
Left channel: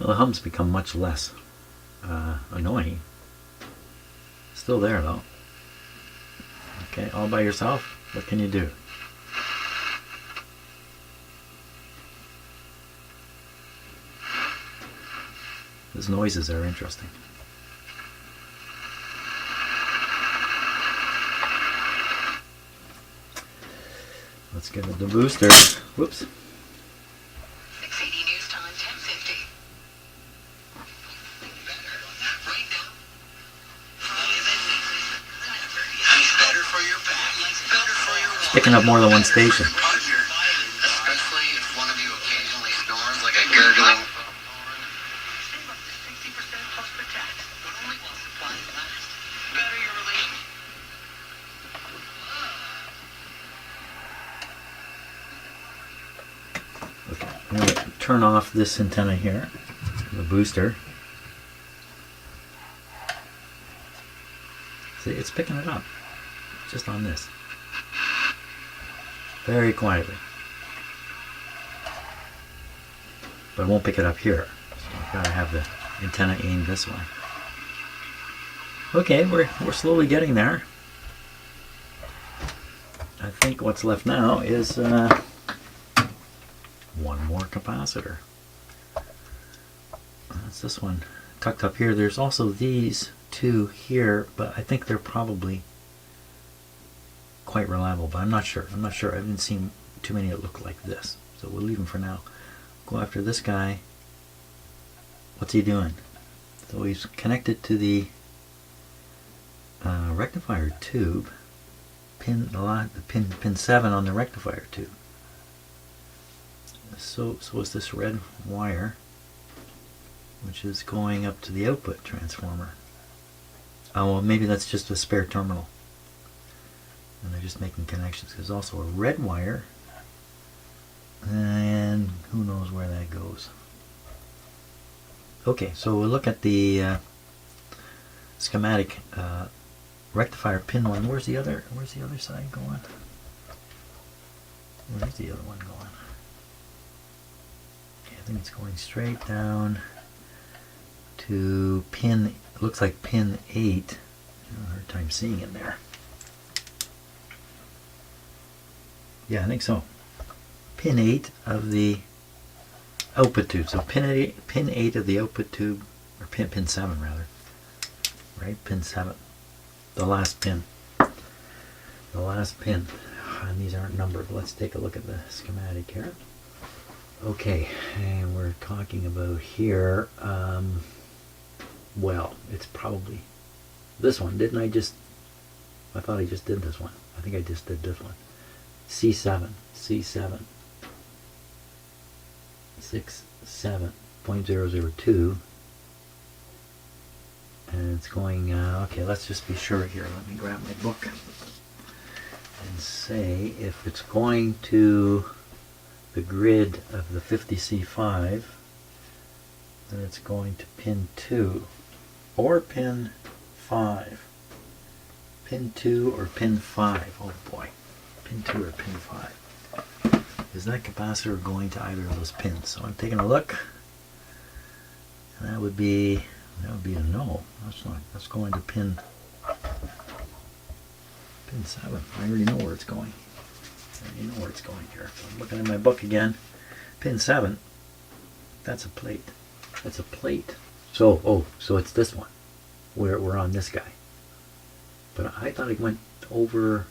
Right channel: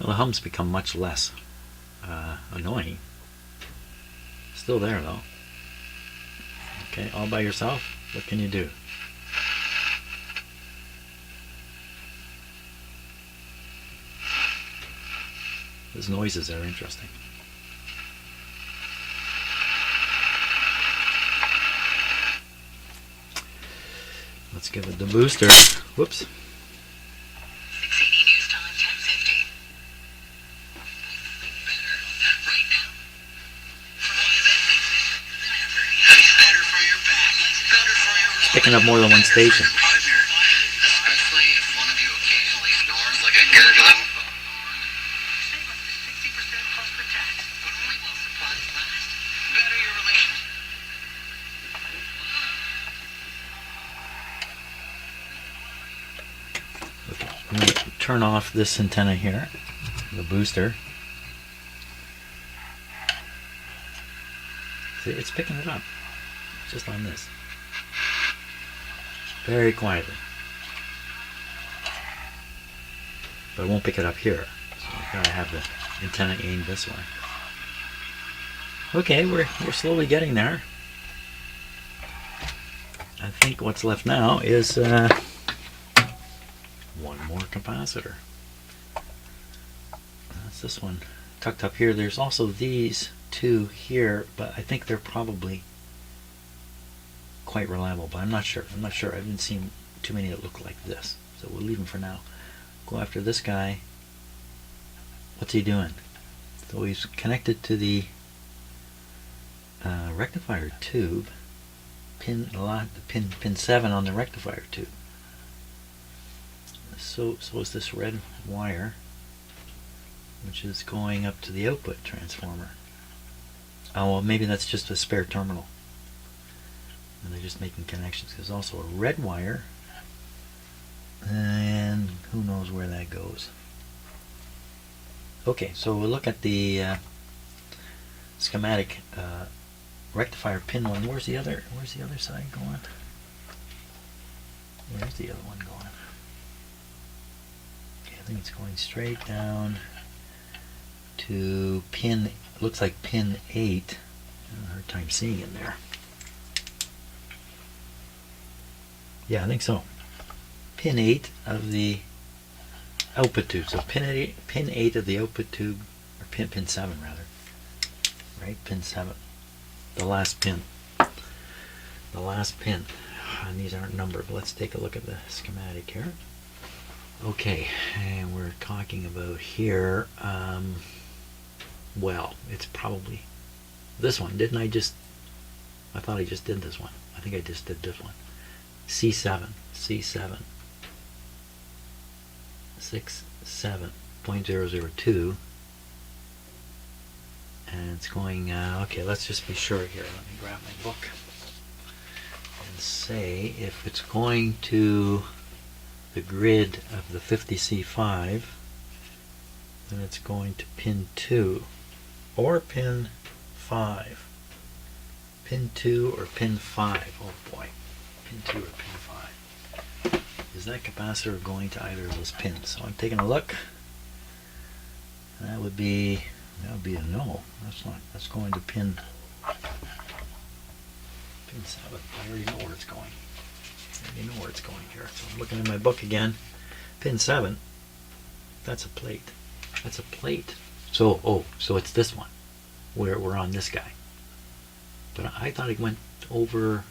Well, the hums become much less annoying. Still there though. Okay, all by yourself, what can you do? Those noises are interesting. Let's give it the booster. Whoops. Picking up more than one station. Especially if one of you occasionally snores like a gurgling. Okay, I'm going to turn off this antenna here, the booster. See, it's picking it up just on this. Very quietly. But it won't pick it up here. So I've got to have the antenna aimed this way. Okay, we're slowly getting there. I think what's left now is one more capacitor. That's this one tucked up here. There's also these two here, but I think they're probably quite reliable, but I'm not sure. I haven't seen too many that look like this. So we'll leave them for now. Go after this guy. What's he doing? So he's connected to the rectifier tube, pin 7 on the rectifier tube. So is this red wire, which is going up to the output transformer. Oh, well, maybe that's just a spare terminal, and they're just making connections. There's also a red wire, and who knows where that goes. Okay, so we'll look at the schematic rectifier pin 1. Where's the other side going? Where's the other one going? Okay, I think it's going straight down to pin, looks like pin 8. I have a hard time seeing it there. Yeah, I think so. Pin 8 of the output tube. So pin 8 of the output tube, or pin 7 rather. Right, pin 7. The last pin. The last pin. And these aren't numbered. Let's take a look at the schematic here. Okay, and we're talking about here, well, it's probably this one. Didn't I just, I thought I just did this one. I think I just did this one. C7, 67.002, and it's going, okay, let's just be sure here. Let me grab my book and say if it's going to the grid of the 50C5, then it's going to pin 2 or pin 5. Pin 2 or pin 5. Oh boy. Pin 2 or pin 5. Is that capacitor going to either of those pins? So I'm taking a look. And that would be a no. That's not. That's going to pin 7. I already know where it's going. I already know where it's going here. So I'm looking at my book again. Pin 7. That's a plate. That's a plate. So so it's this one. We're on this guy. But I thought it went over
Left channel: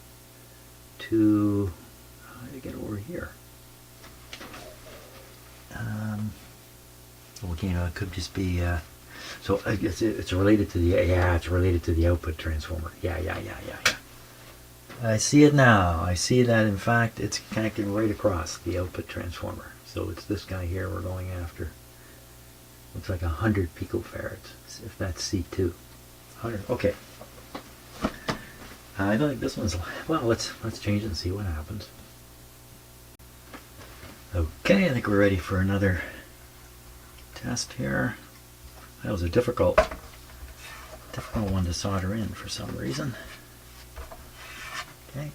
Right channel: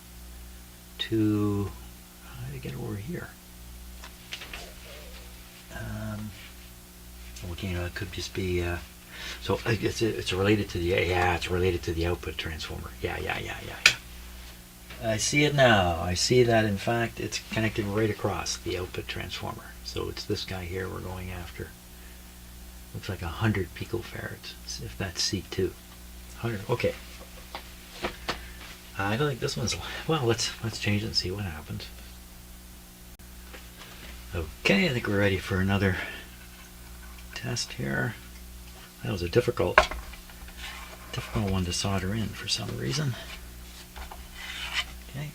to, how did I get over here? Okay, it could just be, so it's related to the, it's related to the output transformer. Yeah. I see it now. I see that, in fact, it's connecting right across the output transformer. So it's this guy here we're going after. Looks like 100 picofarads, if that's C2. 100, okay. I don't think this one's, well, let's change it and see what happens. Okay, I think we're ready for another test here. That was a difficult one to solder in for some reason. Okay.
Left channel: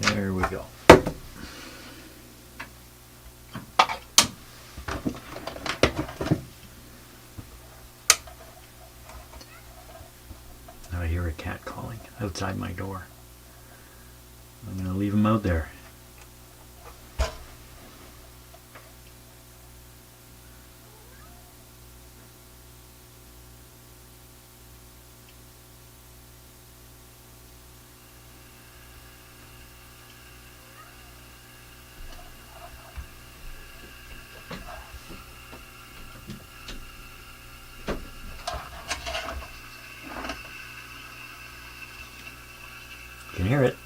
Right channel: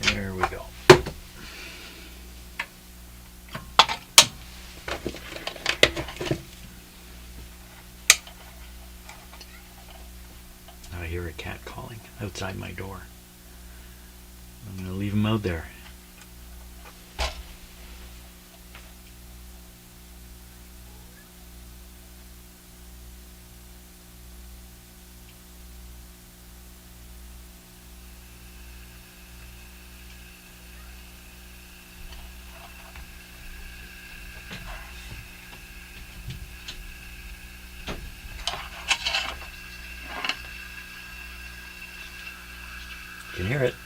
There we go. Now I hear a cat calling outside my door. I'm going to leave him out there. You can hear it.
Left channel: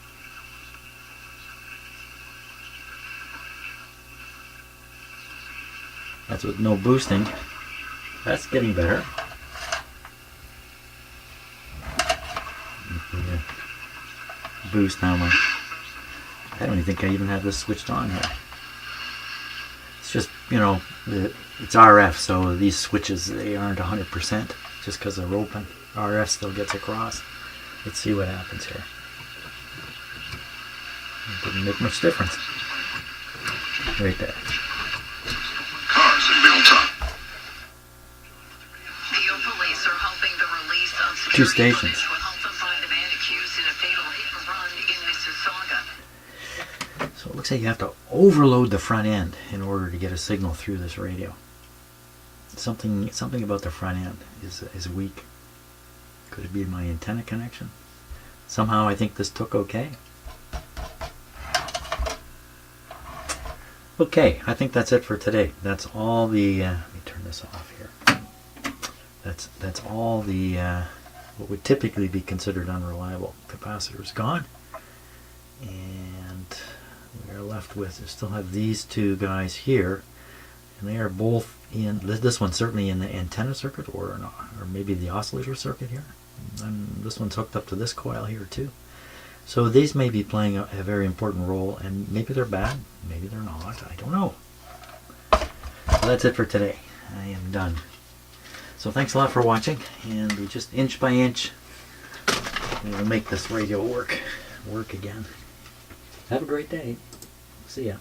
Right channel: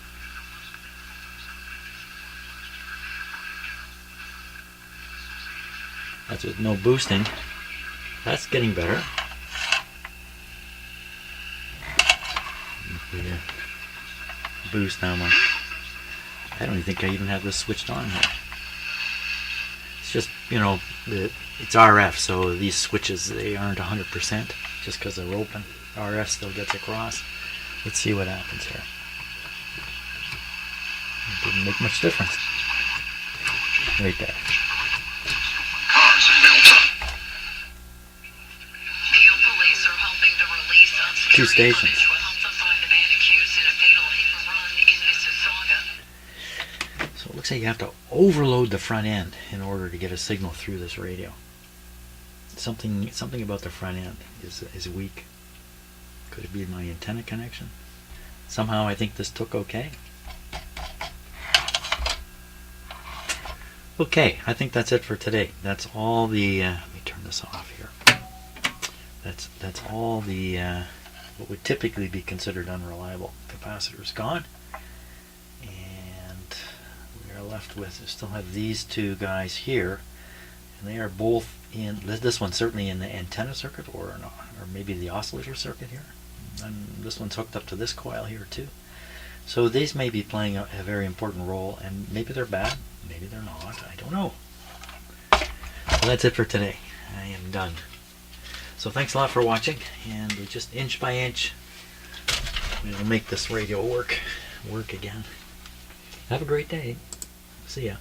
That's with no boosting. That's getting better. Boost now. I don't even think I even have this switched on here. It's just, it's RF, so these switches, they aren't 100% just because they're open. RF still gets across. Let's see what happens here. It didn't make much difference. Right there. Cars are built up. Field police are hoping the release of 2 stations. will help them find a man accused in a fatal hit and run in Mississauga. So it looks like you have to overload the front end in order to get a signal through this radio. Something about the front end is weak. Could it be my antenna connection? Somehow I think this took okay. Okay, I think that's it for today. That's all the, let me turn this off here. That's all the, what would typically be considered unreliable capacitors gone. And we are left with, we still have these two guys here. And they are both in, this one's certainly in the antenna circuit or maybe the oscillator circuit here. And this one's hooked up to this coil here too. So these may be playing a very important role, and maybe they're bad, maybe they're not, I don't know. So that's it for today. I am done. So thanks a lot for watching, and we just inch by inch we'll make this radio work again. Have a great day. See ya.